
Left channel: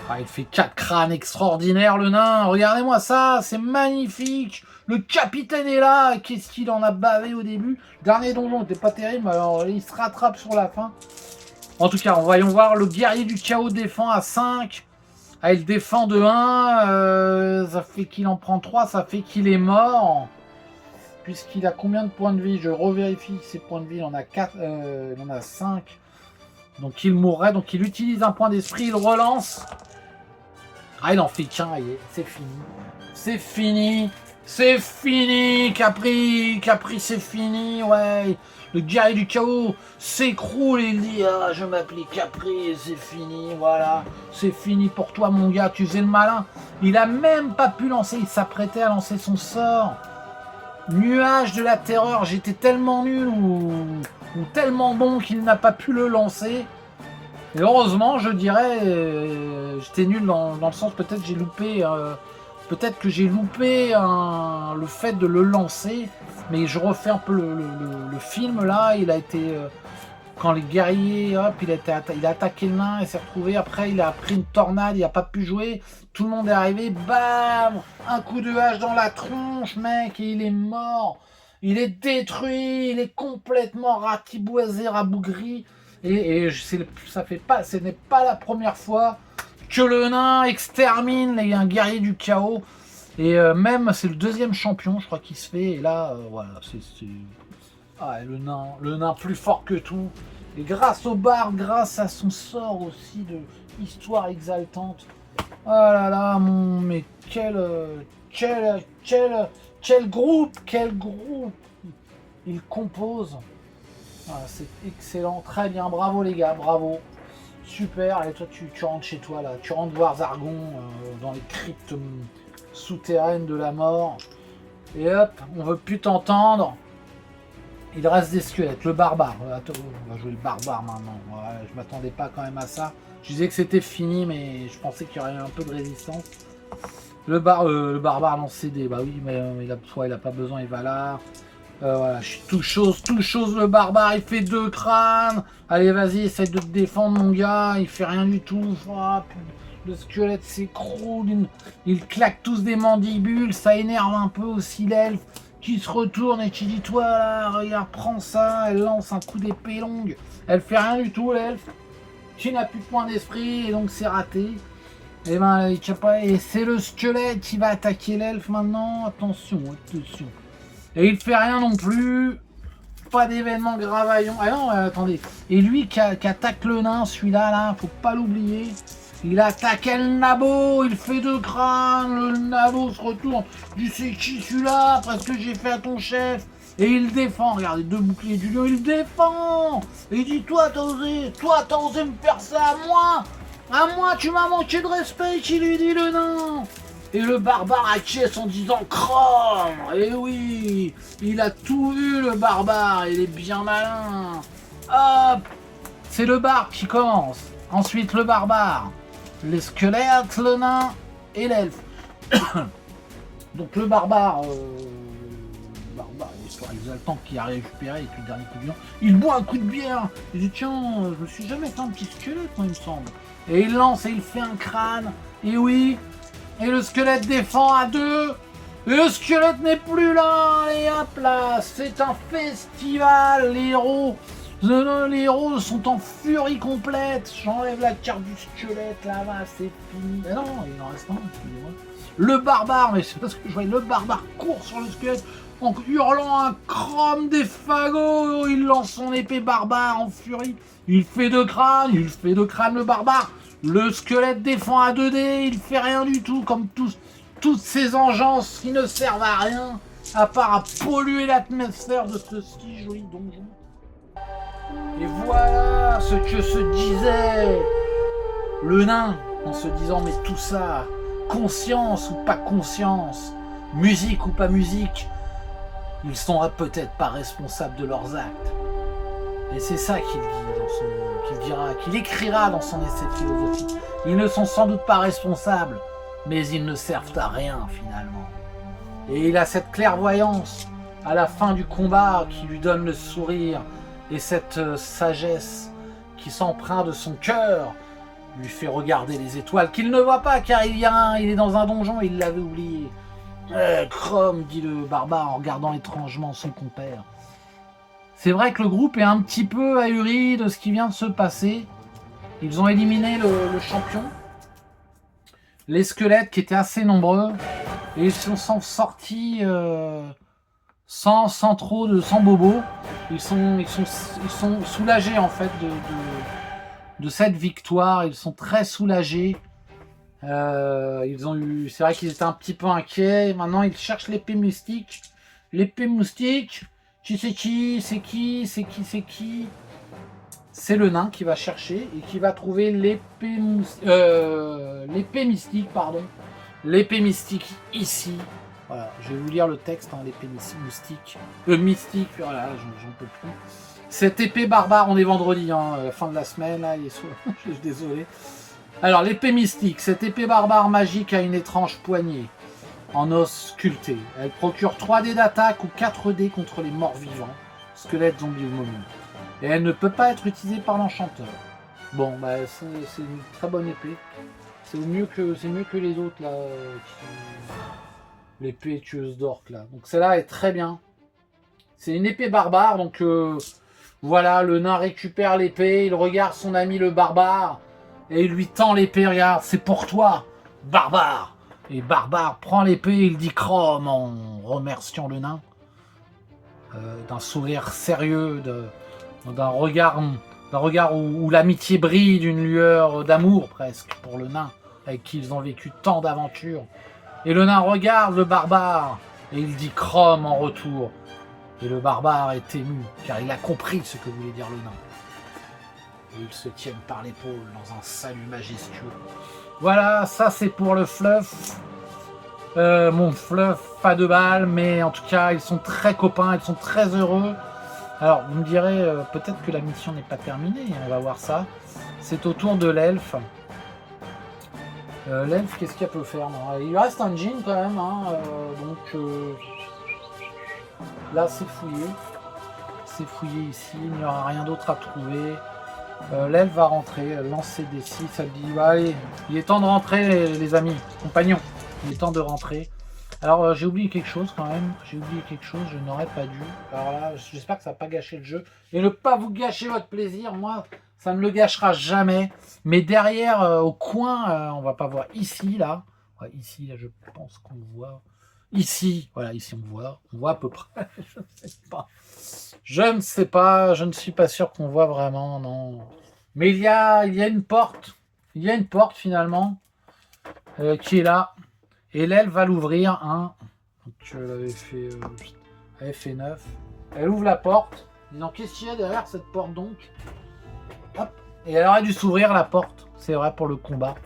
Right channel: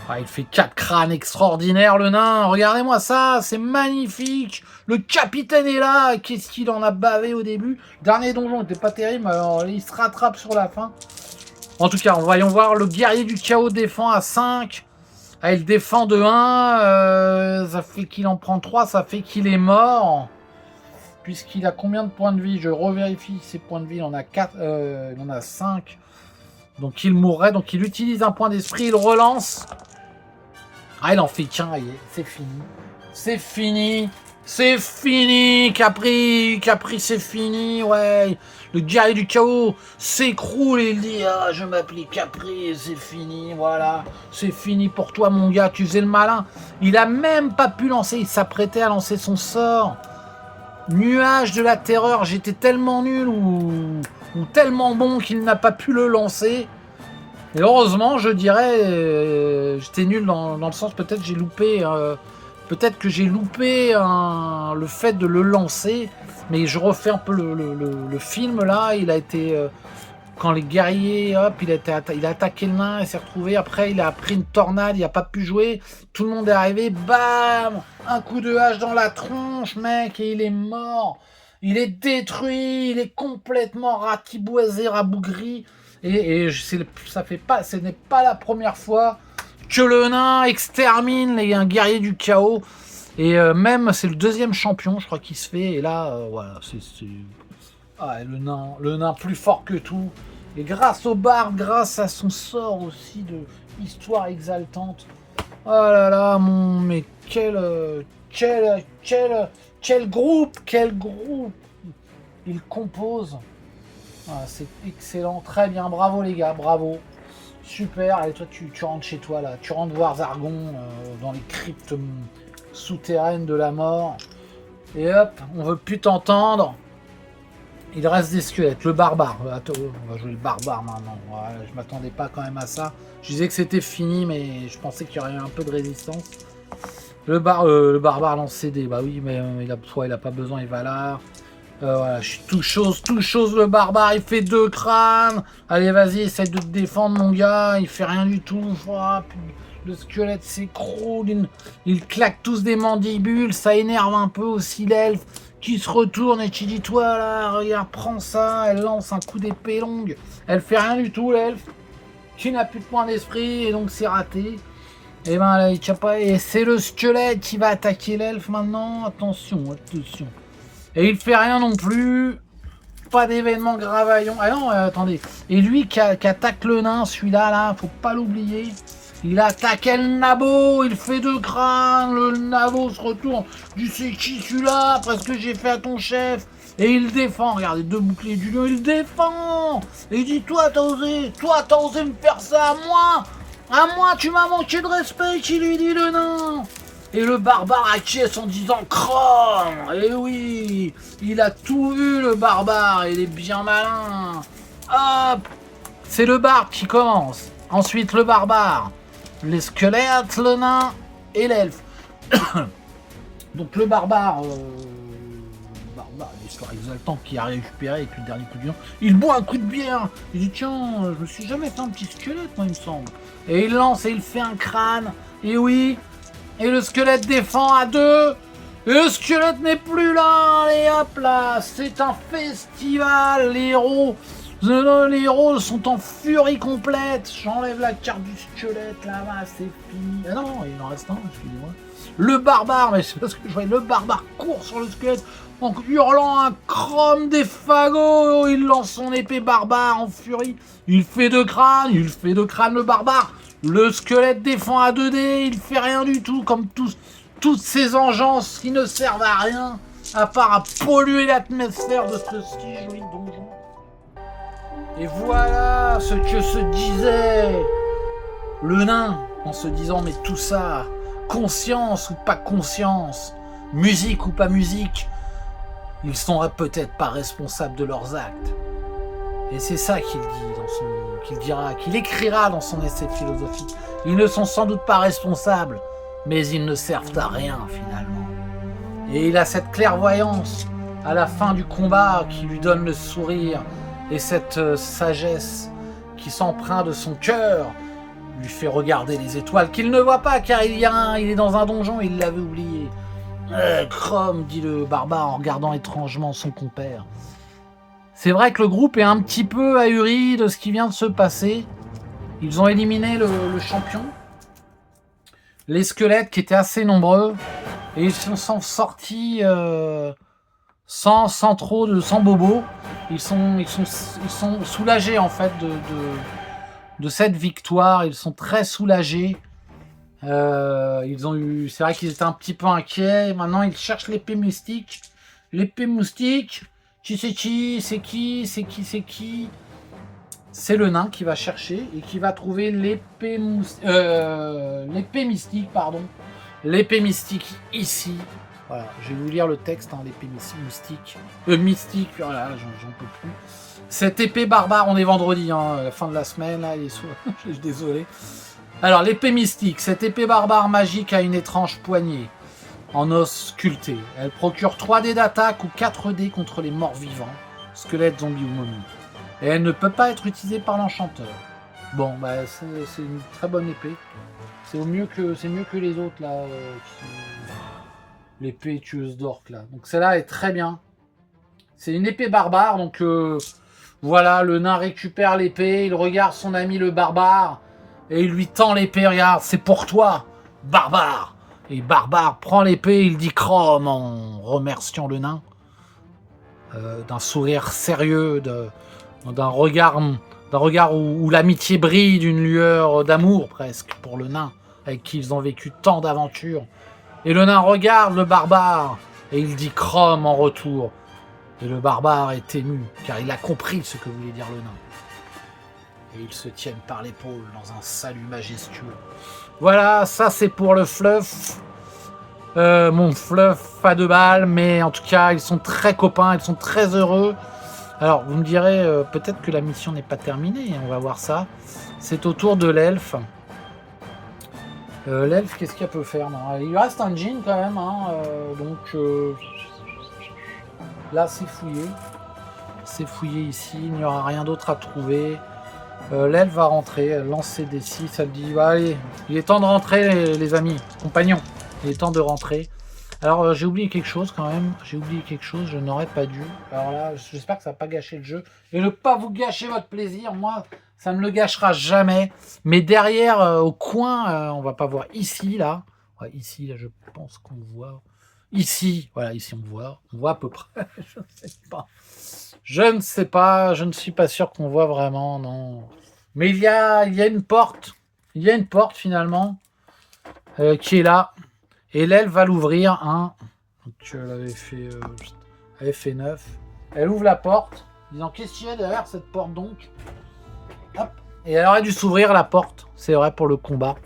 Ah, il fait 4 crânes extraordinaires le nain. Regardez-moi ça, c'est magnifique. Le capitaine est là. Qu'est-ce qu'il en a bavé au début. Dernier donjon n'était pas terrible, alors il se rattrape sur la fin. En tout cas, voyons voir. Le guerrier du chaos défend à 5. Ah, il défend de 1. Ça fait qu'il en prend 3. Ça fait qu'il est mort. Puisqu'il a combien de points de vie? Je revérifie ses points de vie. Il en a 4. Il en a 5. Donc il mourrait. Donc il utilise un point d'esprit. Il relance. Ah, il en fait qu'un, c'est fini. C'est fini. C'est fini, Capri. Capri, c'est fini, ouais. Le guerrier du chaos s'écroule et il dit ah, je m'appelais Capri, c'est fini, voilà. C'est fini pour toi, mon gars, tu faisais le malin. Il a même pas pu lancer, il s'apprêtait à lancer son sort. Nuage de la terreur, j'étais tellement nul ou tellement bon qu'il n'a pas pu le lancer. Et heureusement, je dirais, j'étais nul dans le sens peut-être j'ai loupé, peut-être que j'ai loupé le fait de le lancer, mais je refais un peu le film là. Il a été quand les guerriers, hop, il a attaqué le nain, il s'est retrouvé. Après, il a pris une tornade, il n'a pas pu jouer. Tout le monde est arrivé, bam, un coup de hache dans la tronche, mec, et il est mort. Il est détruit, il est complètement ratiboisé, rabougri. Et ce n'est pas la première fois que le nain extermine un guerrier du chaos. Et même, c'est le 2e champion, je crois, qui se fait. Et là, voilà, Ah, le nain plus fort que tout. Et grâce au barbe, grâce à son sort aussi de histoire exaltante. Oh là là, mais quel groupe, il compose. Ah, c'est excellent, très bien, bravo les gars, bravo. Super, allez toi tu rentres chez toi là, tu rentres voir Zargon dans les cryptes souterraines de la mort. Et hop, on veut plus t'entendre. Il reste des squelettes, le barbare. Attends, on va jouer le barbare maintenant. Ouais, je m'attendais pas quand même à ça. Je disais que c'était fini, mais je pensais qu'il y aurait eu un peu de résistance. Le barbare lance CD, bah oui, mais il a pas besoin, il va là. Voilà, je suis tout chose, le barbare, il fait 2 crânes. Allez, vas-y, essaye de te défendre, mon gars. Il fait rien du tout. Le squelette s'écroule. Il claque tous des mandibules. Ça énerve un peu aussi l'elfe qui se retourne et qui dit toi là, regarde, prends ça. Elle lance un coup d'épée longue. Elle fait rien du tout, l'elfe. Qui n'a plus de point d'esprit et donc c'est raté. Et ben là, il tient pas. Et c'est le squelette qui va attaquer l'elfe maintenant. Attention. Et il fait rien non plus. Pas d'événement gravaillon. Ah non, attendez. Et lui qui attaque le nain, celui-là, là, faut pas l'oublier. Il attaque le nabo, il fait 2 crânes, le nabo se retourne. Tu sais qui celui-là, parce que j'ai fait à ton chef. Et il défend, regardez, 2 boucliers du lieu, il défend. Et il dit, toi t'as osé me faire ça à moi. À moi, tu m'as manqué de respect, qui lui dit le nain. Et le barbare acquiesce en disant Chrome. Et oui, il a tout vu le barbare, il est bien malin. Hop, c'est le barbe qui commence. Ensuite le barbare, les squelettes, le nain et l'elfe. Donc le barbare, l'histoire exaltante qui a récupéré avec le dernier coup de bière. Il boit un coup de bière. Il dit tiens, je me suis jamais fait un petit squelette, moi, il me semble. Et il lance et il fait un crâne. Et oui. Et le squelette défend à 2. Et le squelette n'est plus là. Et hop là, c'est un festival. Les héros sont en furie complète. J'enlève la carte du squelette là-bas, c'est fini. Mais non, il en reste un, excusez-moi. Le barbare, mais c'est parce que je vois le barbare court sur le squelette. en hurlant un chrome des fagots. Il lance son épée barbare en furie. Il fait de crâne le barbare. Le squelette défend à 2D, il fait rien du tout, comme toutes ces engences qui ne servent à rien, à part à polluer l'atmosphère de ce si joli donjon. Et voilà ce que se disait le nain, en se disant, mais tout ça, conscience ou pas conscience, musique ou pas musique, ils sont peut-être pas responsables de leurs actes. Et c'est ça qu'il dit qu'il dira, qu'il écrira dans son essai de philosophie. Ils ne sont sans doute pas responsables, mais ils ne servent à rien finalement. Et il a cette clairvoyance à la fin du combat qui lui donne le sourire, et cette sagesse qui s'empreint de son cœur lui fait regarder les étoiles qu'il ne voit pas car il est dans un donjon et il l'avait oublié. Chrome, dit le barbare en regardant étrangement son compère. C'est vrai que le groupe est un petit peu ahuri de ce qui vient de se passer. Ils ont éliminé le champion, les squelettes qui étaient assez nombreux, et ils sont sortis sans bobo. Ils sont soulagés en fait de cette victoire. Ils sont très soulagés. C'est vrai qu'ils étaient un petit peu inquiets. Maintenant, ils cherchent l'épée mystique. L'épée moustique. Qui c'est qui? C'est qui? C'est qui? C'est qui? C'est le nain qui va chercher et qui va trouver l'épée mystique, pardon. L'épée mystique ici. Voilà, je vais vous lire le texte, hein, l'épée mystique. Voilà, j'en peux plus. Cette épée barbare, on est vendredi, hein, à la fin de la semaine, là, il est sur... je suis désolé. Alors, l'épée mystique, cette épée barbare magique a une étrange poignée en os sculpté. Elle procure 3 dés d'attaque ou 4 dés contre les morts vivants, squelettes, zombies ou momies. Et elle ne peut pas être utilisée par l'enchanteur. Bon, bah, c'est une très bonne épée. C'est mieux que les autres, là, l'épée tueuse d'orques, là. Donc, celle-là est très bien. C'est une épée barbare, donc... Voilà, le nain récupère l'épée, il regarde son ami le barbare, et il lui tend l'épée, regarde, c'est pour toi, barbare. Et barbare prend l'épée, il dit Chrome en remerciant le nain, d'un sourire sérieux, d'un regard où l'amitié brille, d'une lueur d'amour presque pour le nain, avec qui ils ont vécu tant d'aventures. Et le nain regarde le barbare, et il dit Chrome en retour. Et le barbare est ému, car il a compris ce que voulait dire le nain. Et ils se tiennent par l'épaule dans un salut majestueux. Voilà, ça c'est pour le fluff. Mon fluff, pas de balle, mais en tout cas, ils sont très copains, ils sont très heureux. Alors, vous me direz, peut-être que la mission n'est pas terminée, on va voir ça. C'est au tour de l'elfe. L'elfe, qu'est-ce qu'il peut faire? Non, il lui reste un jean quand même, hein, donc... Là, c'est fouillé. C'est fouillé ici. Il n'y aura rien d'autre à trouver. L'elfe va rentrer, lancer des 6. Elle dit bah, allez, il est temps de rentrer, les amis, compagnons. Il est temps de rentrer. Alors, j'ai oublié quelque chose quand même. Je n'aurais pas dû. Alors là, j'espère que ça va pas gâcher le jeu. Et ne pas vous gâcher votre plaisir. Moi, ça ne le gâchera jamais. Mais derrière, au coin, on va pas voir ici, là. Ouais, ici, là, je pense qu'on voit. Ici, voilà, ici on voit à peu près, je ne sais pas, je ne suis pas sûr qu'on voit vraiment, non. Mais il y a une porte, finalement, qui est là, et l'elfe va l'ouvrir, hein. Donc elle avait fait 9, elle ouvre la porte, disant qu'est-ce qu'il y a derrière cette porte donc? Hop, et elle aurait dû s'ouvrir la porte, c'est vrai pour le combat,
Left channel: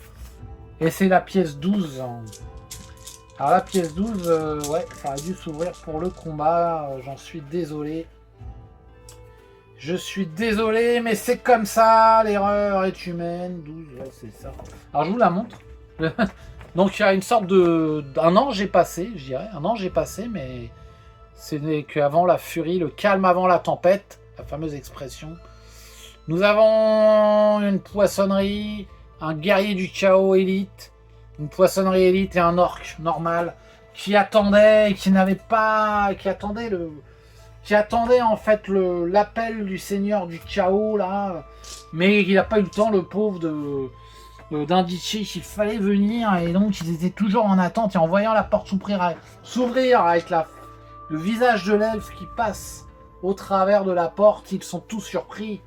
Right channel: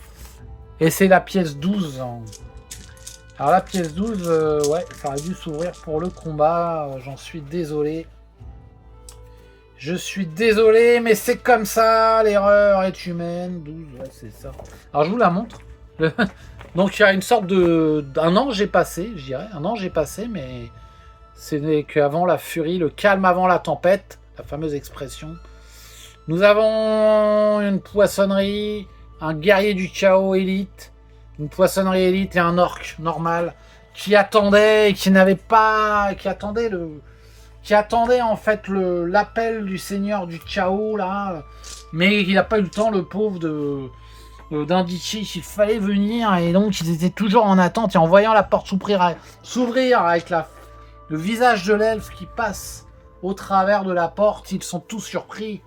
et c'est la pièce 12, hein. Alors la pièce 12, ouais, ça aurait dû s'ouvrir pour le combat, j'en suis désolé. Je suis désolé, mais c'est comme ça, l'erreur est humaine, 12, ouais, c'est ça. Alors je vous la montre. Donc il y a une sorte d'un ange est passé, je dirais, un ange est passé, mais c'est qu'avant la furie, le calme avant la tempête, la fameuse expression. Nous avons une poissonnerie, un guerrier du chaos élite, une poissonnerie élite et un orc normal qui attendait, qui attendait en fait l'appel du seigneur du chaos là, mais il n'a pas eu le temps, le pauvre, d'indiquer qu'il fallait venir, et donc ils étaient toujours en attente, et en voyant la porte s'ouvrir avec le visage de l'elfe qui passe au travers de la porte. Ils sont tous surpris.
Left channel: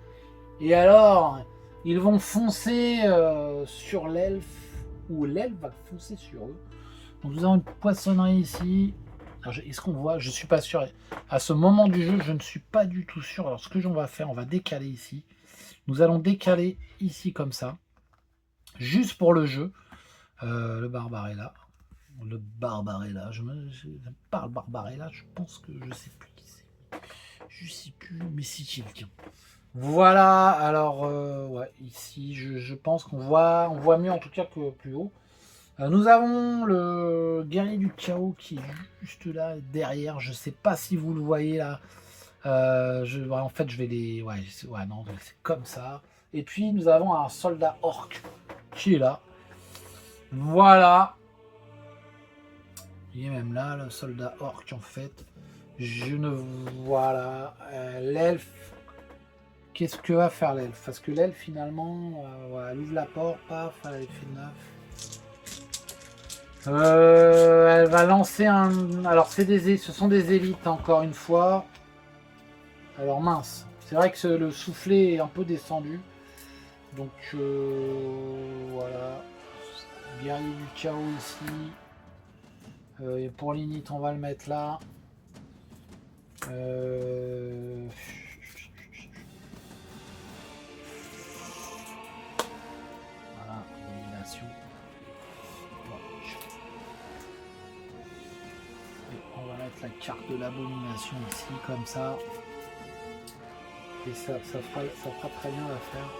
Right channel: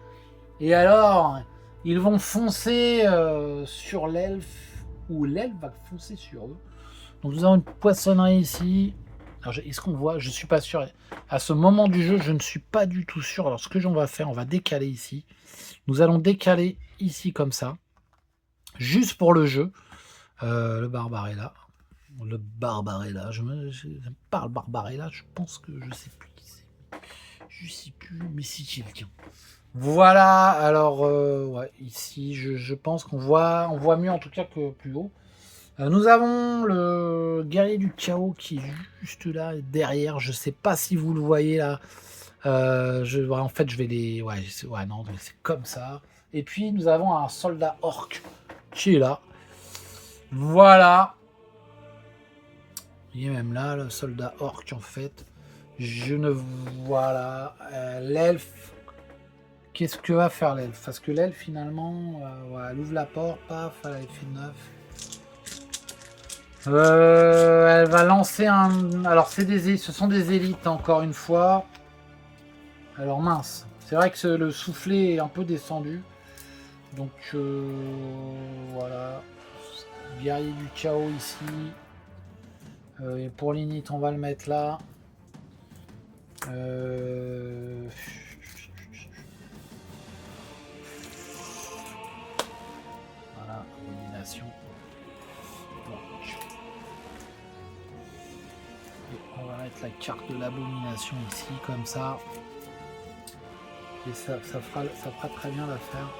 Et alors, ils vont foncer sur l'elfe, ou l'elfe va foncer sur eux. Donc nous avons une poissonnerie ici. Est-ce qu'on voit? Je ne suis pas sûr. À ce moment du jeu, je ne suis pas du tout sûr. Alors ce que on va faire, on va décaler ici. Nous allons décaler ici comme ça. Juste pour le jeu. Le Barbarella. Le Barbarella. Je parle Barbarella. Je pense que je ne sais plus qui c'est. Je ne sais plus. Mais si quelqu'un. Voilà. Alors, ouais, ici, je pense qu'on voit mieux en tout cas que plus haut. Nous avons le guerrier du chaos qui est juste là derrière. Je sais pas si vous le voyez là. En fait, je vais les. Ouais, non, c'est comme ça. Et puis nous avons un soldat orc qui est là. Voilà. Il est même là, le soldat orc en fait. Je ne voilà. L'elfe. Qu'est-ce que va faire l'elfe? Parce que l'elfe finalement, elle ouvre la porte, paf, elle avait fait 9. Elle va lancer un... Alors, ce sont des élites, encore une fois. Alors, mince. C'est vrai que le soufflet est un peu descendu. Donc, voilà. Guerrier du chaos ici. Et pour l'init, on va le mettre là. Voilà, élimination. On va mettre la carte de l'abomination ici, comme ça. Et ça fera très bien l'affaire.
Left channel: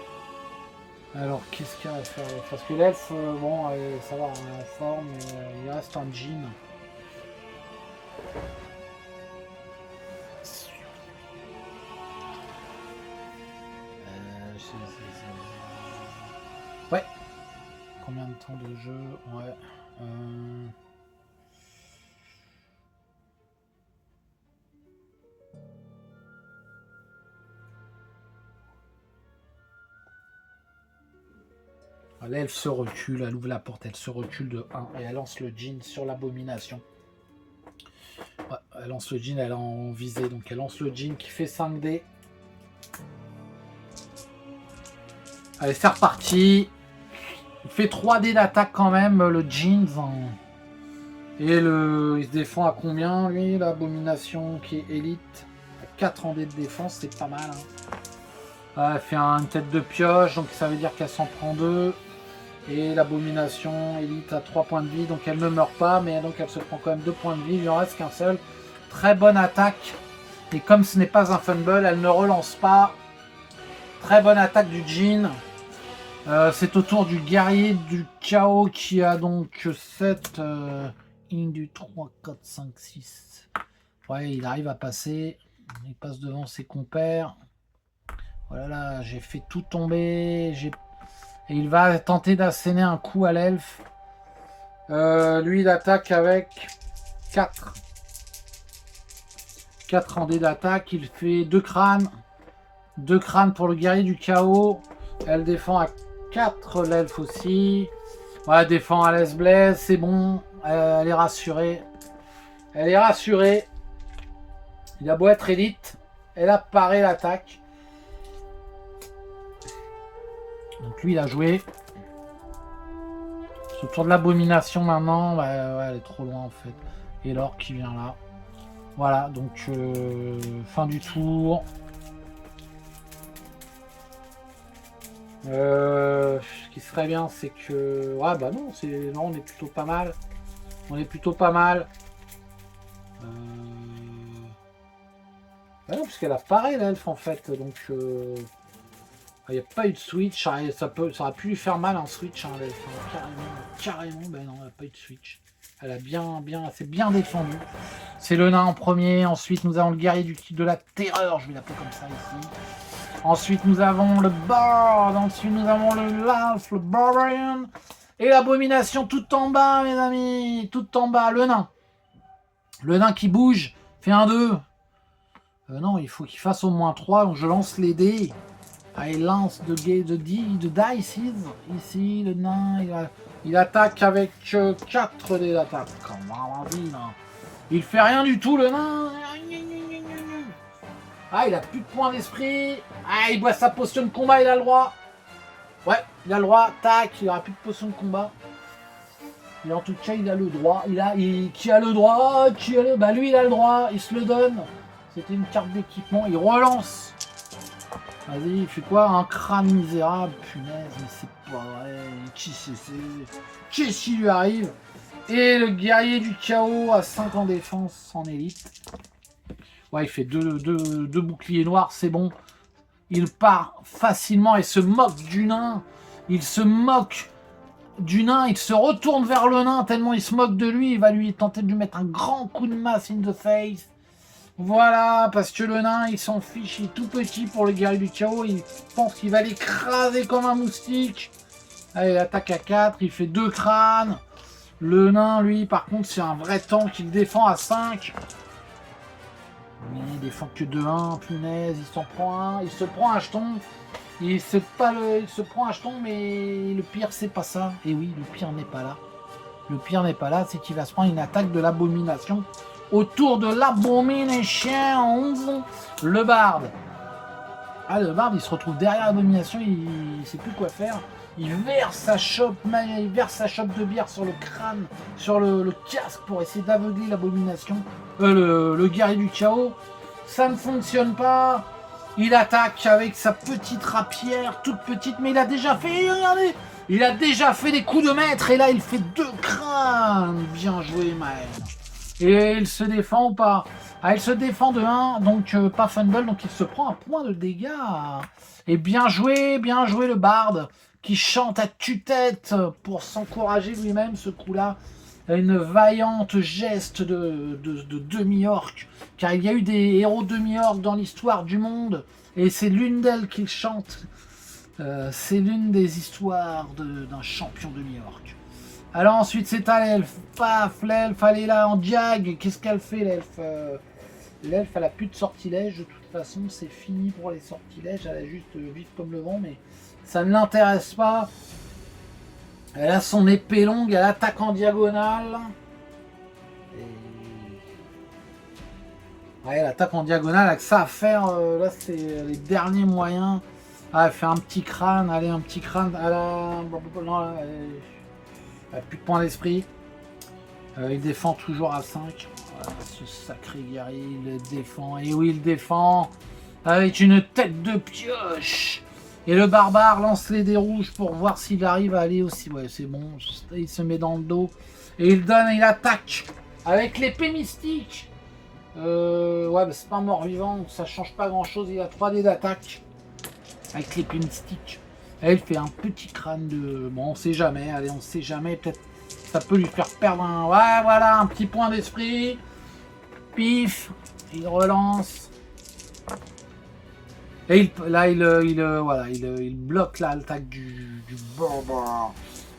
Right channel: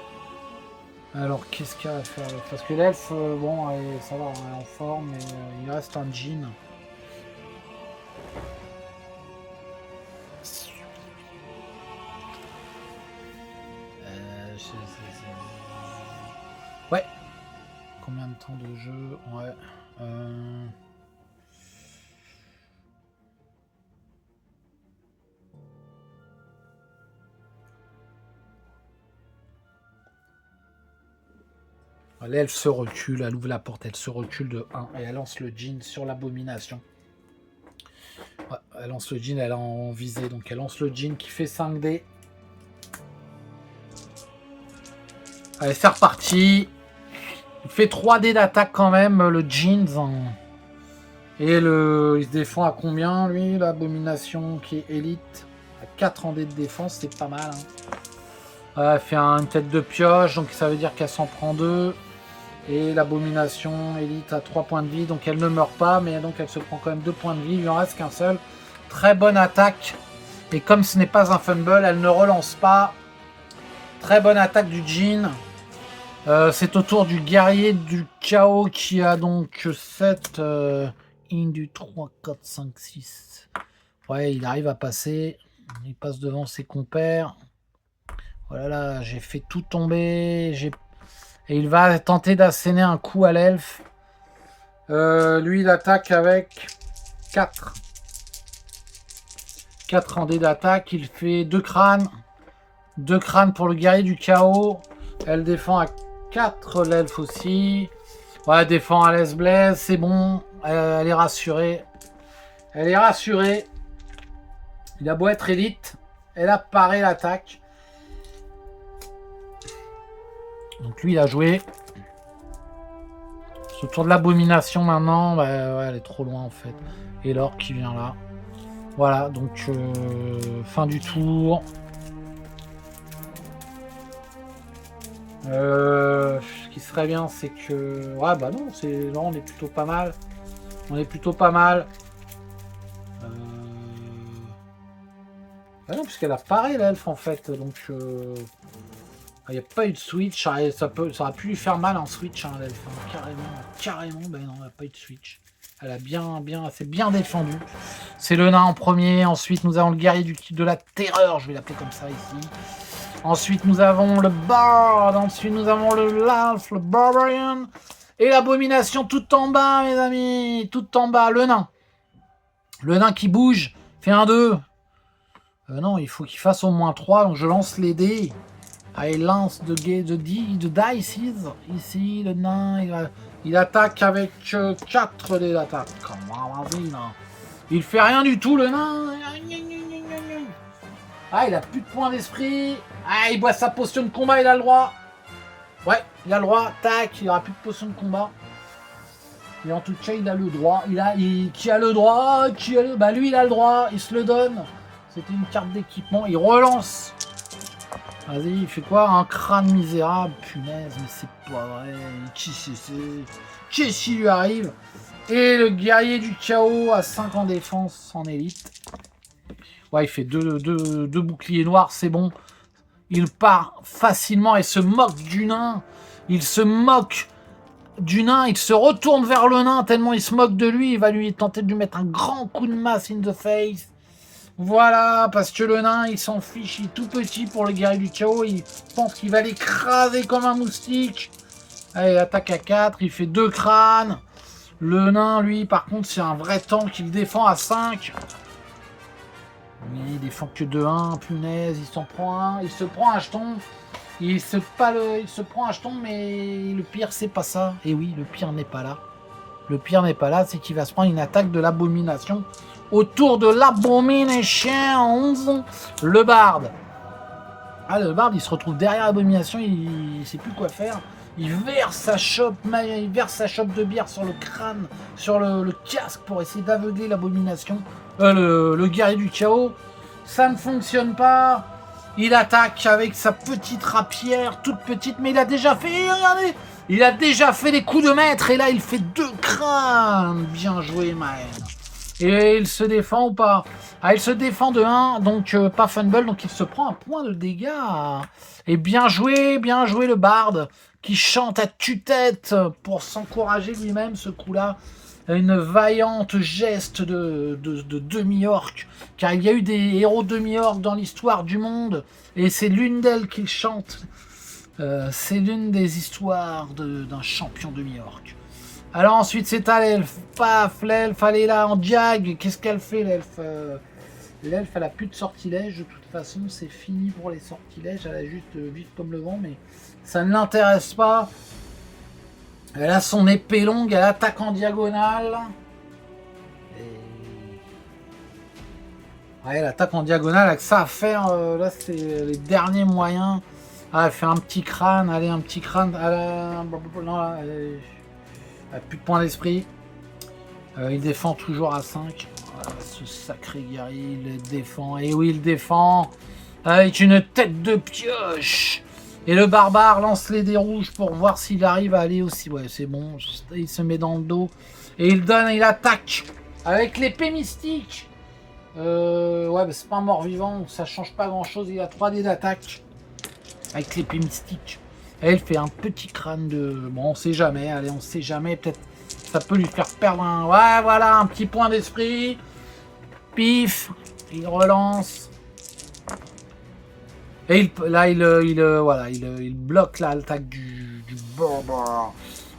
Alors, qu'est-ce qu'il y a à faire? Parce que l'elfe, bon, ça va, on est en forme, mais il reste en jean. Ouais. Combien de temps de jeu? Ouais. L'elfe se recule, elle ouvre la porte, elle se recule de 1 et elle lance le djinn sur l'abomination. Ouais, elle lance le djinn, elle est en visée, donc elle lance le djinn qui fait 5D. Allez, c'est reparti. Il fait 3D d'attaque quand même, le djinn. Et il se défend à combien, lui, l'abomination qui est élite? À 4 en dé de défense, c'est pas mal. Hein. Elle fait une tête de pioche, donc ça veut dire qu'elle s'en prend 2. Et l'abomination élite à 3 points de vie, donc elle ne meurt pas, mais donc elle se prend quand même 2 points de vie, il lui en reste qu'un seul. Très bonne attaque. Et comme ce n'est pas un fumble, elle ne relance pas. Très bonne attaque du djinn. C'est au tour du guerrier du chaos qui a donc 7. 1, 2, 3, 4, 5, 6. Ouais, il arrive à passer. Il passe devant ses compères. Voilà, j'ai fait tout tomber. Et il va tenter d'asséner un coup à l'elfe. Lui, il attaque avec 4. 4 en dés d'attaque. Il fait 2 crânes. 2 crânes pour le guerrier du chaos. Elle défend à 4, l'elfe aussi. Ouais, elle défend à l'aise blaise, c'est bon. Elle est rassurée. Elle est rassurée. Il a beau être élite. Elle a paré l'attaque. Donc lui, il a joué. C'est au tour de l'abomination maintenant. Bah, ouais, elle est trop loin en fait. Et l'orque qui vient là. Voilà, donc fin du tour. Ce qui serait bien, c'est que... Ouais, bah non, on est plutôt pas mal. On est plutôt pas mal. Bah non, puisqu'elle a paré l'elfe en fait. Donc... il n'y a pas eu de switch. Ça aurait pu lui faire mal en switch. Hein, l'elfe. Carrément. Bah non, elle n'a pas eu de switch. Elle a c'est bien défendu. C'est le nain en premier. Ensuite, nous avons le guerrier de la terreur. Je vais l'appeler comme ça ici. Ensuite, nous avons le bard. Ensuite, nous avons le l'elfe, le barbarian. Et l'abomination tout en bas, mes amis. Tout en bas, le nain. Le nain qui bouge. Fait un 2. Non, il faut qu'il fasse au moins 3. Donc, je lance les dés. Ah, il lance de dice. Ici, le nain, il attaque avec 4 dés d'attaque. Vas-y, là. Il fait rien du tout, le nain. Ah, il a plus de points d'esprit. Ah, il boit sa potion de combat, il a le droit. Ouais, il a le droit. Tac, il aura plus de potion de combat. Et en tout cas, il a le droit. Qui a le droit? Bah lui, il a le droit. Il se le donne. C'était une carte d'équipement. Il relance. Vas-y, il fait quoi? Un crâne misérable. Punaise, mais c'est pas vrai. Qu'est-ce qui lui arrive? Et le guerrier du chaos à 5 en défense en élite. Ouais, il fait deux boucliers noirs, c'est bon. Il part facilement et se moque du nain. Il se moque du nain. Il se retourne vers le nain tellement il se moque de lui. Il va lui tenter de lui mettre un grand coup de masse in the face. Voilà, parce que le nain, il s'en fiche. Il est tout petit pour le guerrier du chaos. Il pense qu'il va l'écraser comme un moustique. Allez, il attaque à 4. Il fait 2 crânes. Le nain, lui, par contre, c'est un vrai tank. Il défend à 5. Il défend que de 1, punaise, il s'en prend un, il se prend un jeton, il se prend un jeton, mais le pire c'est pas ça. Et oui, le pire n'est pas là. Le pire n'est pas là, c'est qu'il va se prendre une attaque de l'abomination. Autour de l'abomination, le barde. Ah, le barde, il se retrouve derrière l'abomination, il sait plus quoi faire. Il verse sa chope de bière sur le crâne, sur le casque pour essayer d'aveugler l'abomination. Le guerrier du chaos. Ça ne fonctionne pas. Il attaque avec sa petite rapière, toute petite, mais il a déjà fait, regardez, il a déjà fait des coups de maître, et là il fait 2 crânes. Bien joué, Maël. Et il se défend ou pas? Ah, il se défend de 1, donc pas fumble, donc il se prend un point de dégâts. Et bien joué le barde, qui chante à tue-tête pour s'encourager lui-même, ce coup-là. Une vaillante geste de demi-orc, car il y a eu des héros demi-orc dans l'histoire du monde, et c'est l'une d'elles qu'il chante. C'est l'une des histoires d'un champion demi-orc. Alors ensuite c'est à l'elfe. Paf, l'elfe, elle est là en diag. Qu'est-ce qu'elle fait, l'elfe? L'elfe, elle a plus de sortilèges, de toute façon, c'est fini pour les sortilèges. Elle a juste vite comme le vent, mais ça ne l'intéresse pas. Elle a son épée longue, elle attaque en diagonale. Ouais, elle attaque en diagonale avec ça à faire. Là, c'est les derniers moyens. Ah, elle fait un petit crâne. Allez, un petit crâne. Non, elle a plus de points d'esprit. Il défend toujours à 5. Ah, ce sacré guerrier, il défend. Et oui, il défend. Avec une tête de pioche. Et le barbare lance les dés rouges pour voir s'il arrive à aller aussi. Ouais, c'est bon. Il se met dans le dos. Et il attaque avec l'épée mystique. Ouais, bah c'est pas un mort-vivant, donc ça change pas grand-chose. Il a 3 dés d'attaque avec l'épée mystique. Et il fait un petit crâne de... Bon, on sait jamais. Allez, on sait jamais. Peut-être ça peut lui faire perdre un... Ouais, voilà, un petit point d'esprit. Pif. Il relance. Et il bloque l'attaque du barbare.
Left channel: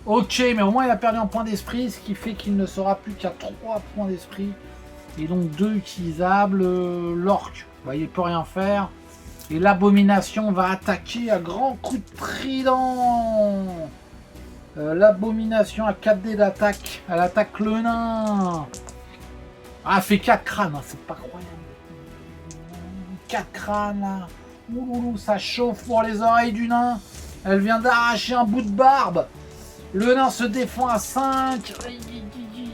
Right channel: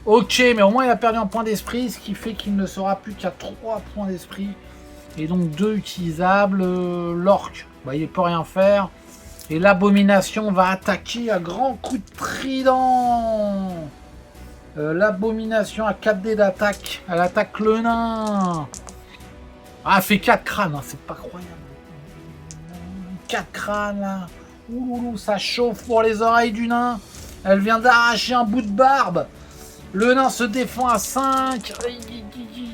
Ok, mais au moins il a perdu un point d'esprit, ce qui fait qu'il ne sera plus qu'à 3 points d'esprit. Et donc 2 utilisables. L'orc, bah, il ne peut rien faire. Et l'abomination va attaquer à grands coups de trident. L'abomination a 4 dés d'attaque. Elle attaque le nain. Ah, elle fait 4 crânes, hein, c'est pas croyable. 4 crânes là. Ouloulou, ça chauffe pour les oreilles du nain. Elle vient d'arracher un bout de barbe. Le nain se défend à 5.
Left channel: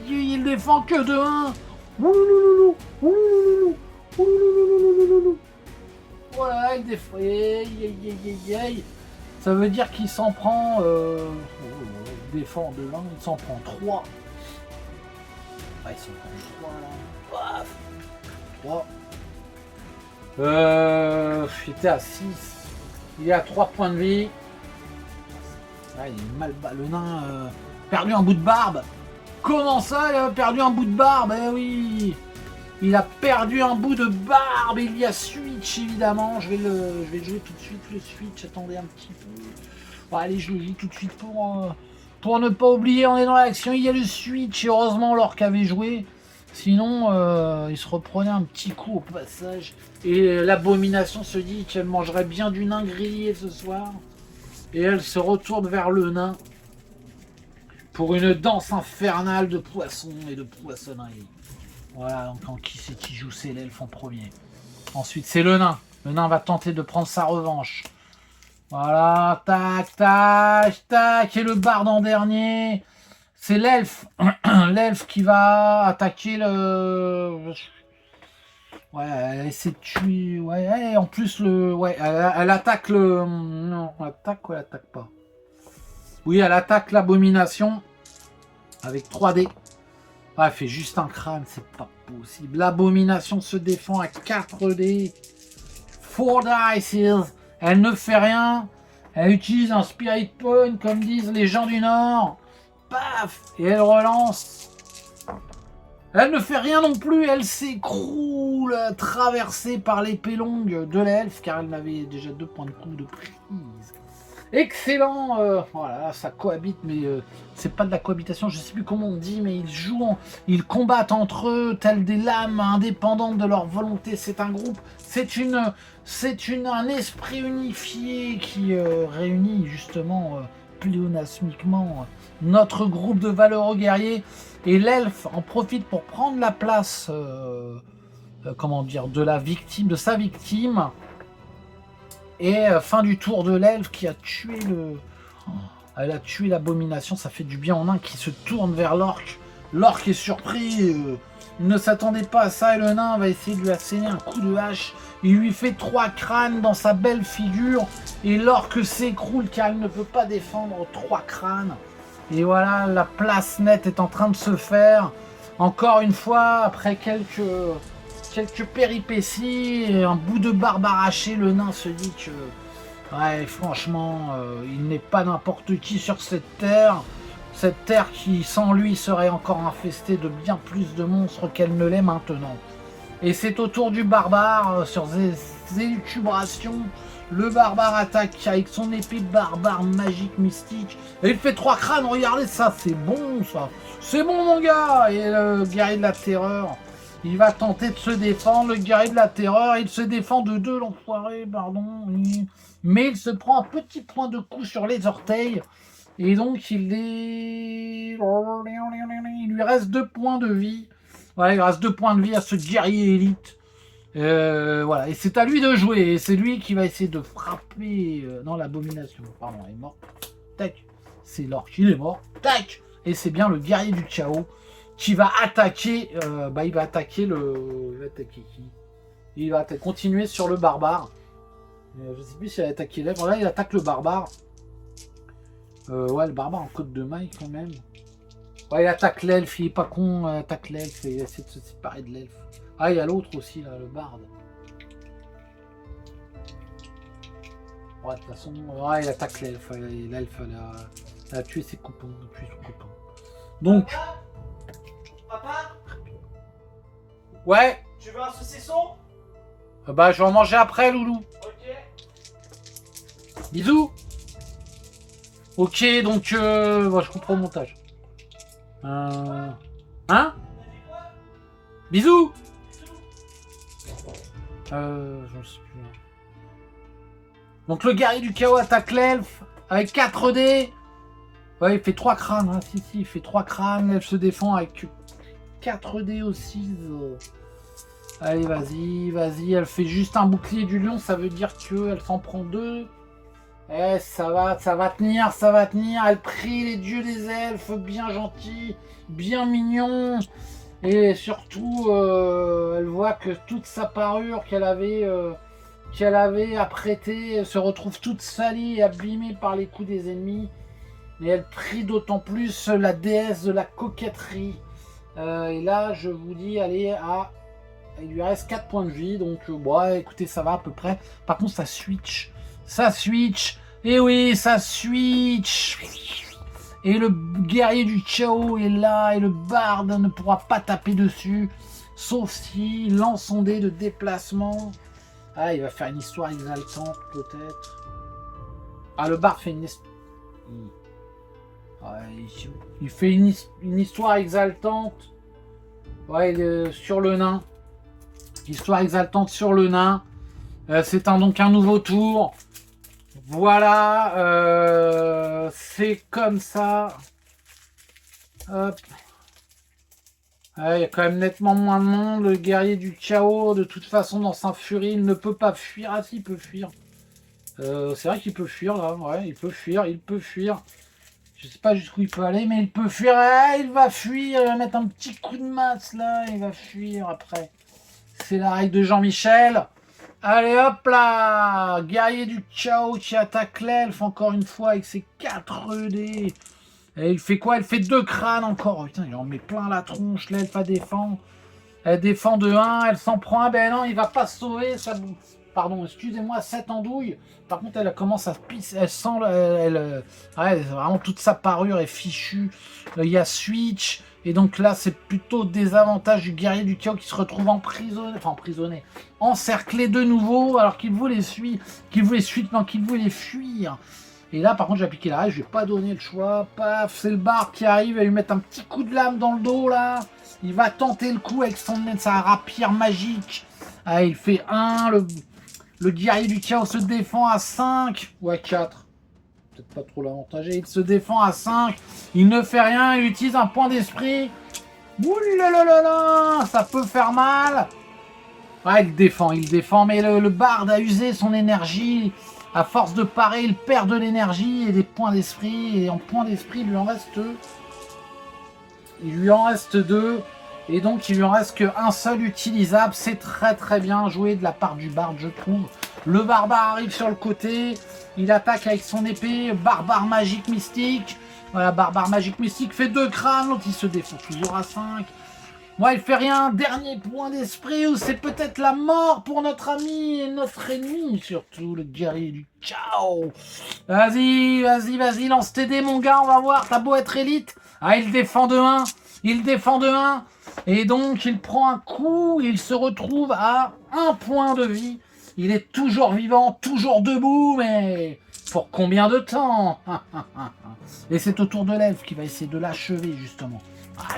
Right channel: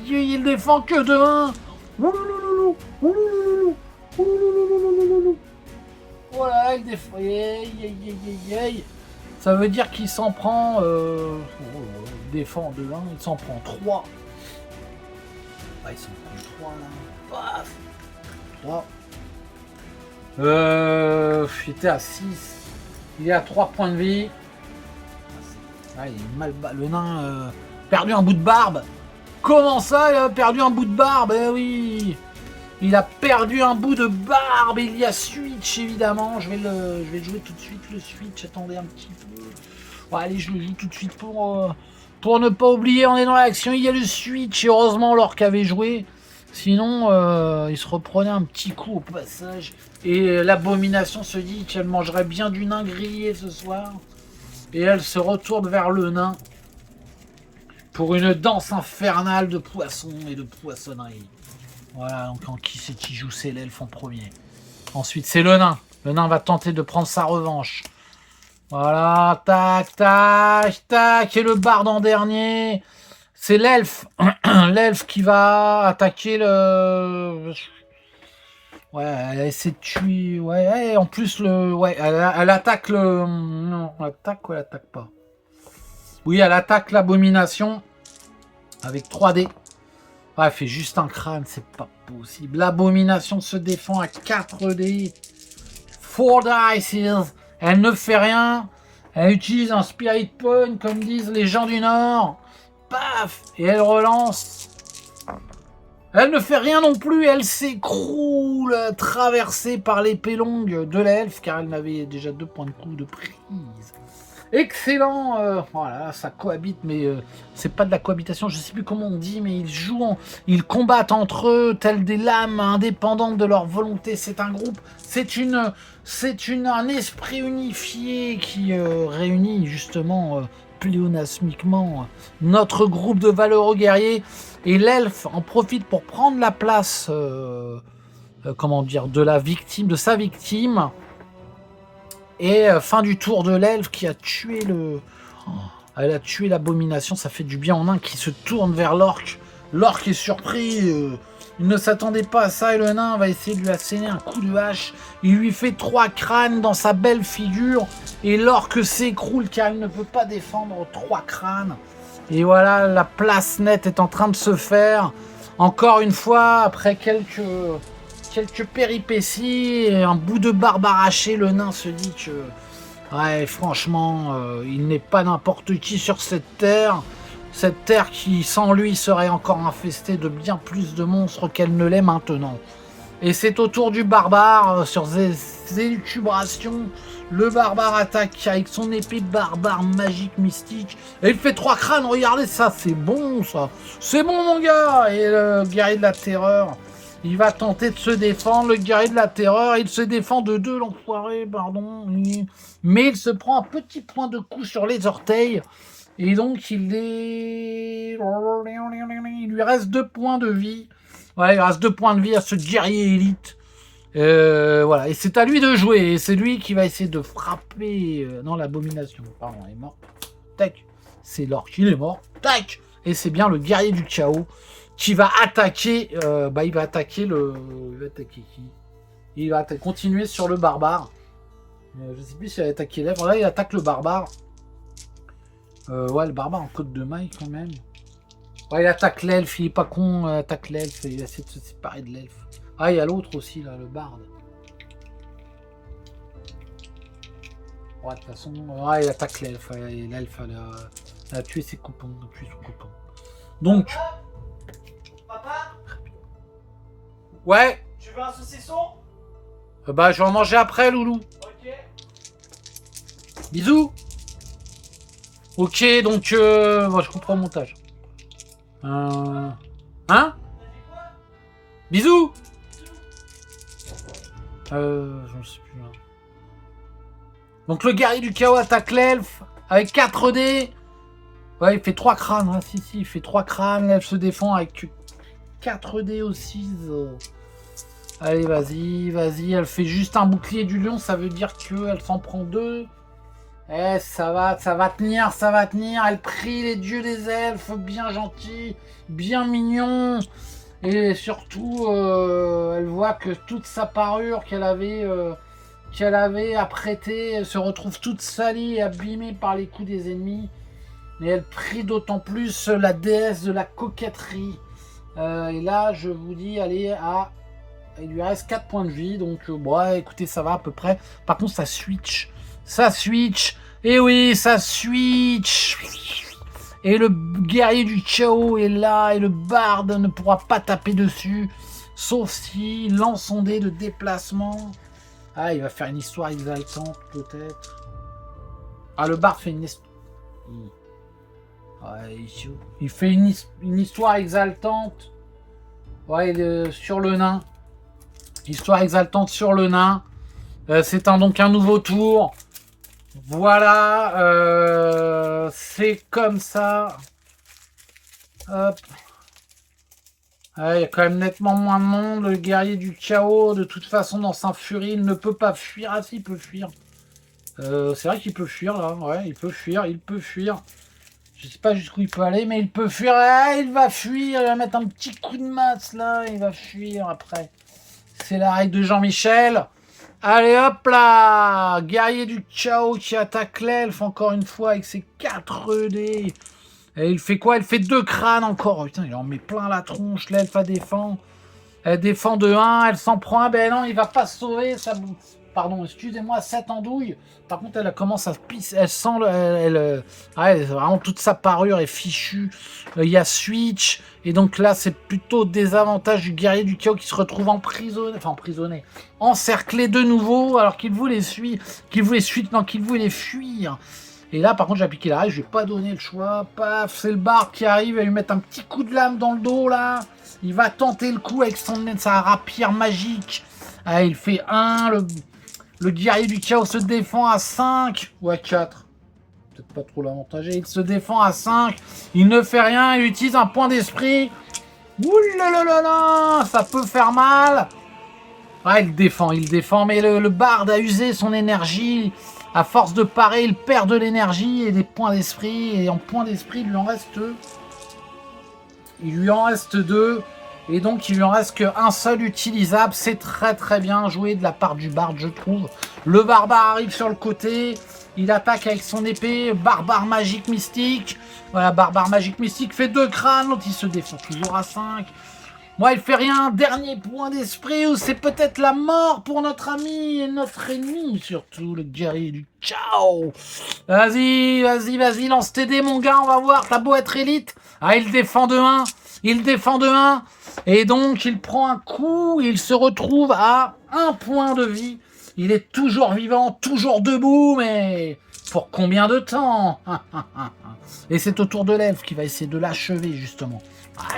Il défend que de 1. Ouloulou, ouloulou, ouloulou. Voilà, il défend. Ça veut dire qu'il s'en prend... il défend de 1, il s'en prend 3. Ah, il s'en prend 3 là. 3. Il était à 6. Il est à 3 points de vie. Ah, il est mal bas. Le nain perdu un bout de barbe. Comment ça, il a perdu un bout de barbe? Eh oui. Il a perdu un bout de barbe. Il y a switch, évidemment. Je vais le jouer tout de suite, le switch. Attendez un petit peu. Bon, allez, je le joue tout de suite pour ne pas oublier. On est dans l'action. Il y a le switch. Et heureusement, l'orc avait joué. Sinon, il se reprenait un petit coup au passage. Et l'abomination se dit qu'elle mangerait bien du nain grillé ce soir. Et elle se retourne vers le nain pour une danse infernale de poissons et de poissonnerie. Voilà, donc en qui c'est qui joue, c'est l'elfe en premier. Ensuite, c'est le nain. Le nain va tenter de prendre sa revanche. Voilà, tac, tac, tac. Et le barde en dernier. C'est l'elfe. L'elfe qui va attaquer le... Ouais, elle essaie de tuer... Ouais, en plus, ouais, elle attaque le... Non, elle attaque ou elle attaque pas? Oui, elle attaque l'abomination. Avec 3D. Ouais, elle fait juste un crâne, c'est pas possible. L'abomination se défend à 4D. 4 dice. Elle ne fait rien. Elle utilise un Spirit Point, comme disent les gens du Nord. Paf! Et elle relance. Elle ne fait rien non plus. Elle s'écroule, traversée par l'épée longue de l'elfe, car elle n'avait déjà 2 points de coup de prise. Excellent, voilà, ça cohabite, mais c'est pas de la cohabitation, je sais plus comment on dit, mais ils combattent entre eux, tels des lames indépendantes de leur volonté. C'est un groupe, un esprit unifié qui réunit justement pléonasmiquement notre groupe de valeureux guerriers, et l'elfe en profite pour prendre la place, comment dire, de sa victime. Et fin du tour de l'elfe qui a tué le... Elle a tué l'abomination, ça fait du bien en un qui se tourne vers l'orque. L'orque est surpris, il ne s'attendait pas à ça et le nain va essayer de lui asséner un coup de hache. Il lui fait 3 crânes dans sa belle figure et l'orque s'écroule car il ne peut pas défendre 3 crânes. Et voilà, la place nette est en train de se faire. Encore une fois, après quelques péripéties et un bout de barbe arraché, le nain se dit que ouais, franchement, il n'est pas n'importe qui sur cette terre qui sans lui serait encore infestée de bien plus de monstres qu'elle ne l'est maintenant. Et c'est au tour du barbare, sur ses élucubrations, le barbare attaque avec son épée barbare magique mystique, et il fait 3 crânes. Regardez ça, c'est bon ça, c'est bon mon gars. Et le guerrier de la terreur, il va tenter de se défendre. Le guerrier de la terreur, il se défend de 2, l'enfoiré, pardon. Mais il se prend un petit point de coup sur les orteils. Et donc, il lui reste 2 points de vie. Voilà, il reste 2 points de vie à ce guerrier élite. Voilà, et c'est à lui de jouer. Et c'est lui qui va essayer de frapper. Non, l'abomination. Pardon, elle est morte. Tac. C'est l'orque, il est mort. Tac. Et c'est bien le guerrier du chaos qui va attaquer, il va attaquer le... Il va attaquer qui? Il va continuer sur le barbare. Je sais plus s'il va attaquer l'elfe. Là, il attaque le barbare. Ouais, le barbare en côte de maille quand même. Ouais, il attaque l'elfe, il est pas con, attaque l'elfe et il essaie de se séparer de l'elfe. Ah, il y a l'autre aussi, là, le barde. Ouais, de toute façon, ouais, il attaque l'elfe. L'elfe, elle a tué ses copains, tué son copain. Donc... Papa, ouais. tu veux un saucisson? Bah, je vais en manger après, loulou. Ok. Bisous. Ok, donc, je comprends le montage. Hein? Bisous. Je ne sais plus. Donc, le guerrier du chaos attaque l'elfe avec 4D. Ouais, il fait 3 crânes. Hein. Si, il fait 3 crânes. L'elfe se défend avec 4D aussi. Allez, vas-y. Elle fait juste un bouclier du lion. Ça veut dire qu'elle s'en prend 2. Eh, ça va tenir. Elle prie les dieux des elfes, bien gentils, bien mignons. Et surtout, elle voit que toute sa parure qu'elle avait apprêtée se retrouve toute salie et abîmée par les coups des ennemis. Et elle prie d'autant plus la déesse de la coquetterie. Et là, je vous dis, allez, il lui reste 4 points de vie. Donc, écoutez, ça va à peu près. Par contre, ça switch. Et oui, ça switch. Et le guerrier du chaos est là. Et le barde ne pourra pas taper dessus. Sauf si lance son dé de déplacement. Ah, il va faire une histoire exaltante, peut-être. Ah, le barde fait une... Ouais, il fait une histoire exaltante. Ouais, sur le nain. Histoire exaltante sur le nain. C'est donc un nouveau tour. Voilà, c'est comme ça. Hop. Ouais, il y a quand même nettement moins de monde. Le guerrier du chaos, de toute façon, dans sa furie, il ne peut pas fuir. Ah si, il peut fuir. C'est vrai qu'il peut fuir là. Ouais, il peut fuir, il peut fuir. Je sais pas jusqu'où il peut aller, mais il peut fuir. Ah, il va fuir. Il va mettre un petit coup de masse là. Il va fuir après. C'est la règle de Jean-Michel. Allez hop là, guerrier du Chaos qui attaque l'elfe encore une fois avec ses 4 dés. Et il fait quoi? Elle fait 2 crânes encore. Oh, putain, il en met plein la tronche. L'elfe à défend. Elle défend de 1, elle s'en prend un. Ben non, il va pas se sauver. Ça... Pardon, excusez-moi, 7 andouilles. Par contre, elle commence à pisser. Elle sent. Ouais, vraiment, toute sa parure est fichue. Il y a Switch. Et donc là, c'est plutôt désavantage du guerrier du chaos qui se retrouve emprisonné. Enfin, emprisonné. Encerclé de nouveau. Alors qu'il voulait fuir. Qu'il voulait fuir. Et là, par contre, j'ai appliqué la règle. Je vais pas donner le choix. Paf, c'est le barde qui arrive. Il va lui mettre un petit coup de lame dans le dos là. Il va tenter le coup avec sa rapière magique. Ah, il fait 1. Le guerrier du chaos se défend à 5. Ou à 4. Peut-être pas trop l'avantagé. Il se défend à 5. Il ne fait rien. Il utilise un point d'esprit. Ouh, ça peut faire mal. Ouais, il défend. Mais le barde a usé son énergie. À force de parer, il perd de l'énergie et des points d'esprit. Et en points d'esprit, il lui en reste 2. Et donc, il lui en reste qu'un seul utilisable. C'est très très bien joué de la part du barde, je trouve. Le barbare arrive sur le côté. Il attaque avec son épée. Barbare magique mystique. Voilà, barbare magique mystique fait 2 crânes. L'autre, il se défend toujours à 5. Moi, il fait rien. Dernier point d'esprit où c'est peut-être la mort pour notre ami et notre ennemi. Surtout le guerrier du ciao. Vas-y, lance tes dés, mon gars. On va voir. T'as beau être élite. Ah, il défend de 1. Et donc, il prend un coup. Il se retrouve à 1 point de vie. Il est toujours vivant, toujours debout, mais pour combien de temps? Et c'est au tour de l'elfe qui va essayer de l'achever, justement.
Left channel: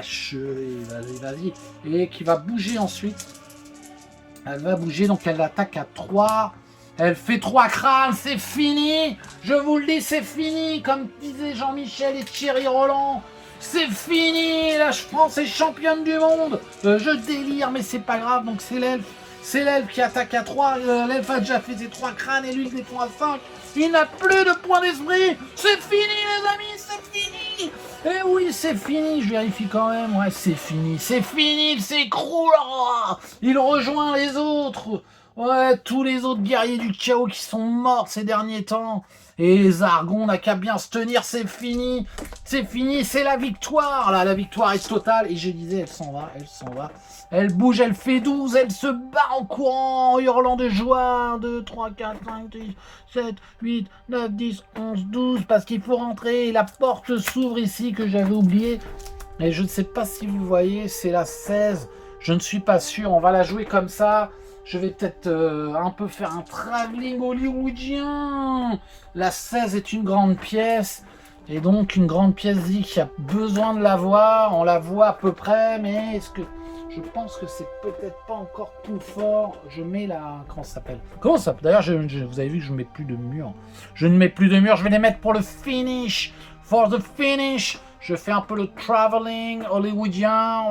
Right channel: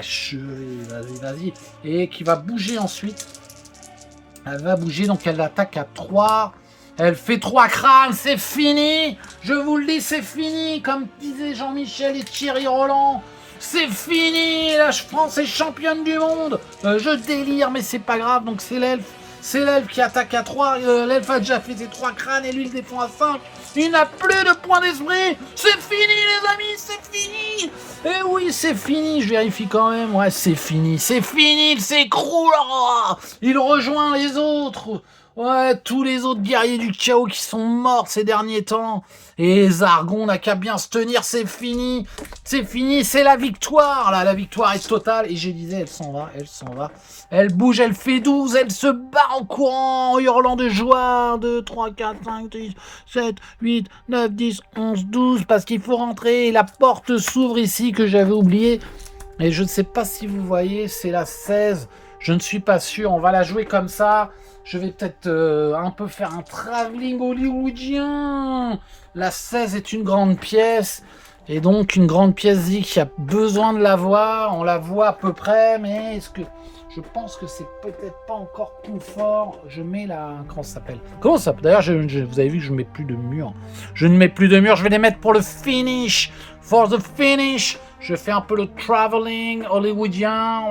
Vas-y. Et qui va bouger ensuite. Elle va bouger, donc elle attaque à 3. Elle fait 3 crânes, c'est fini. Je vous le dis, c'est fini. Comme disaient Jean-Michel et Thierry Roland. C'est fini. La France est championne du monde. Je délire, mais c'est pas grave. Donc c'est l'elfe. C'est l'elfe qui attaque à 3. L'elfe a déjà fait ses 3 crânes et lui il défend à 5. Il n'a plus de points d'esprit. C'est fini, les amis, c'est fini. Eh oui, c'est fini. Je vérifie quand même. Ouais, c'est fini. Il s'écroule. Il rejoint les autres. Ouais, tous les autres guerriers du chaos qui sont morts ces derniers temps. Et Zargon n'a qu'à bien se tenir, c'est fini. C'est la victoire. Là, la victoire est totale. Et je disais, elle s'en va. Elle bouge, elle fait 12, elle se bat en courant, en hurlant de joie. 1, 2, 3, 4, 5, 6, 7, 8, 9, 10, 11, 12, parce qu'il faut rentrer. Et la porte s'ouvre ici, que j'avais oublié. Et je ne sais pas si vous voyez, c'est la 16. Je ne suis pas sûr, on va la jouer comme ça. Je vais peut-être un peu faire un travelling hollywoodien. La 16 est une grande pièce. Et donc une grande pièce dit qu'il y a besoin de la voir. On la voit à peu près, mais est-ce que... Je pense que c'est peut-être pas encore tout fort. Je mets la... Comment ça s'appelle? D'ailleurs, vous avez vu que je ne mets plus de murs. Je vais les mettre pour le finish. For the finish. Je fais un peu le traveling hollywoodien.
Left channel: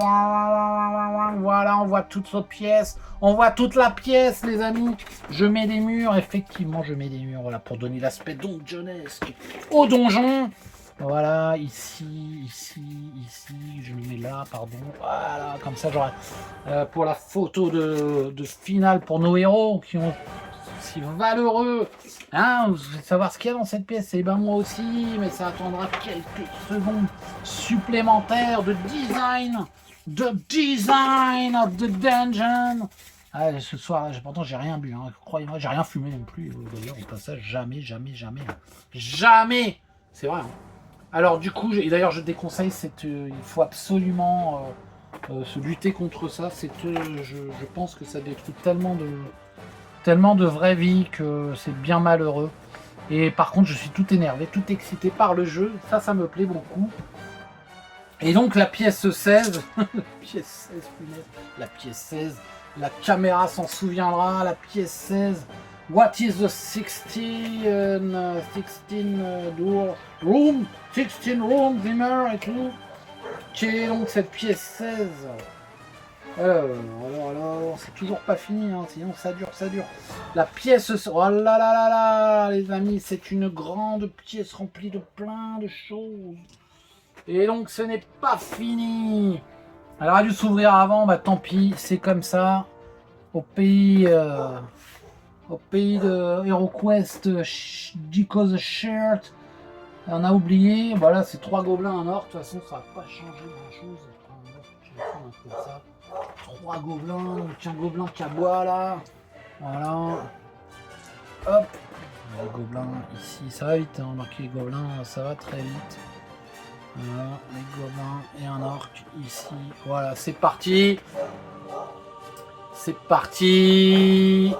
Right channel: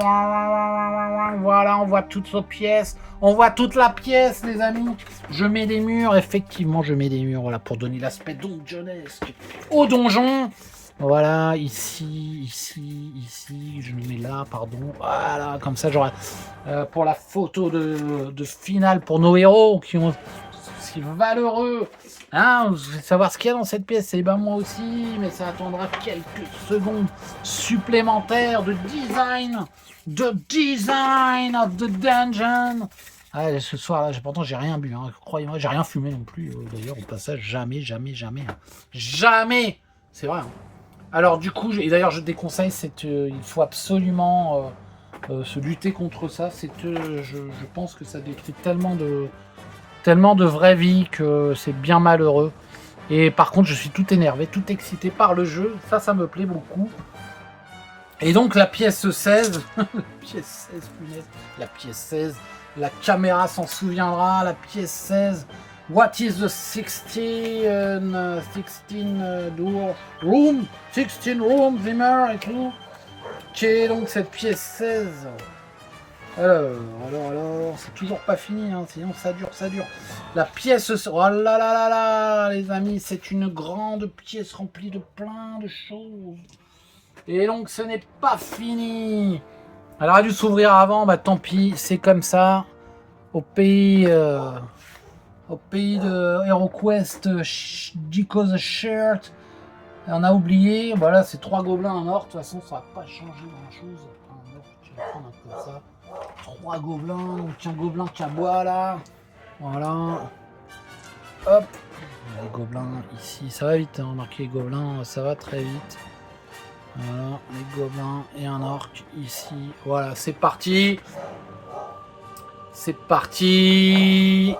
Voilà, on voit toute cette pièce. On voit toute la pièce, les amis. Je mets des murs. Effectivement, je mets des murs. Voilà, pour donner l'aspect donjonesque au donjon. Voilà, ici, je le mets là, pardon. Voilà, comme ça, j'aurai pour la photo de finale pour nos héros qui ont si valeureux. Hein, vous voulez savoir ce qu'il y a dans cette pièce? Et ben moi aussi, mais ça attendra quelques secondes supplémentaires de design of the dungeon. Ah, ce soir là, pourtant j'ai rien bu, hein. Croyez-moi, j'ai rien fumé non plus. D'ailleurs, au passage, jamais. C'est vrai. Hein. Alors du coup, d'ailleurs je déconseille, il faut absolument se lutter contre ça. Je pense que ça décrit tellement de vraie vie que c'est bien malheureux. Et par contre, je suis tout énervé, tout excité par le jeu. Ça me plaît beaucoup. Et donc la pièce 16, la pièce 16, la caméra s'en souviendra, la pièce 16. What is the 16 room? 16 room, Zimmer et tout. donc cette pièce 16. Alors, c'est toujours pas fini, hein, sinon ça dure. La pièce, oh là là là là, les amis, c'est une grande pièce remplie de plein de choses. Et donc ce n'est pas fini. Elle aurait dû s'ouvrir avant, bah tant pis, c'est comme ça. Au pays de HeroQuest, Dico the Shirt, on a oublié. Bah là, c'est 3 gobelins en or. De toute façon, ça va pas changer grand chose. Je vais prendre un peu ça. 3 gobelins, donc un gobelin qui aboie là. Voilà. Hop. Les gobelins ici, ça va vite. Hein. Marquer les gobelins, ça va très vite. Voilà, les gobelins et un orc ici. Voilà, c'est parti. C'est parti.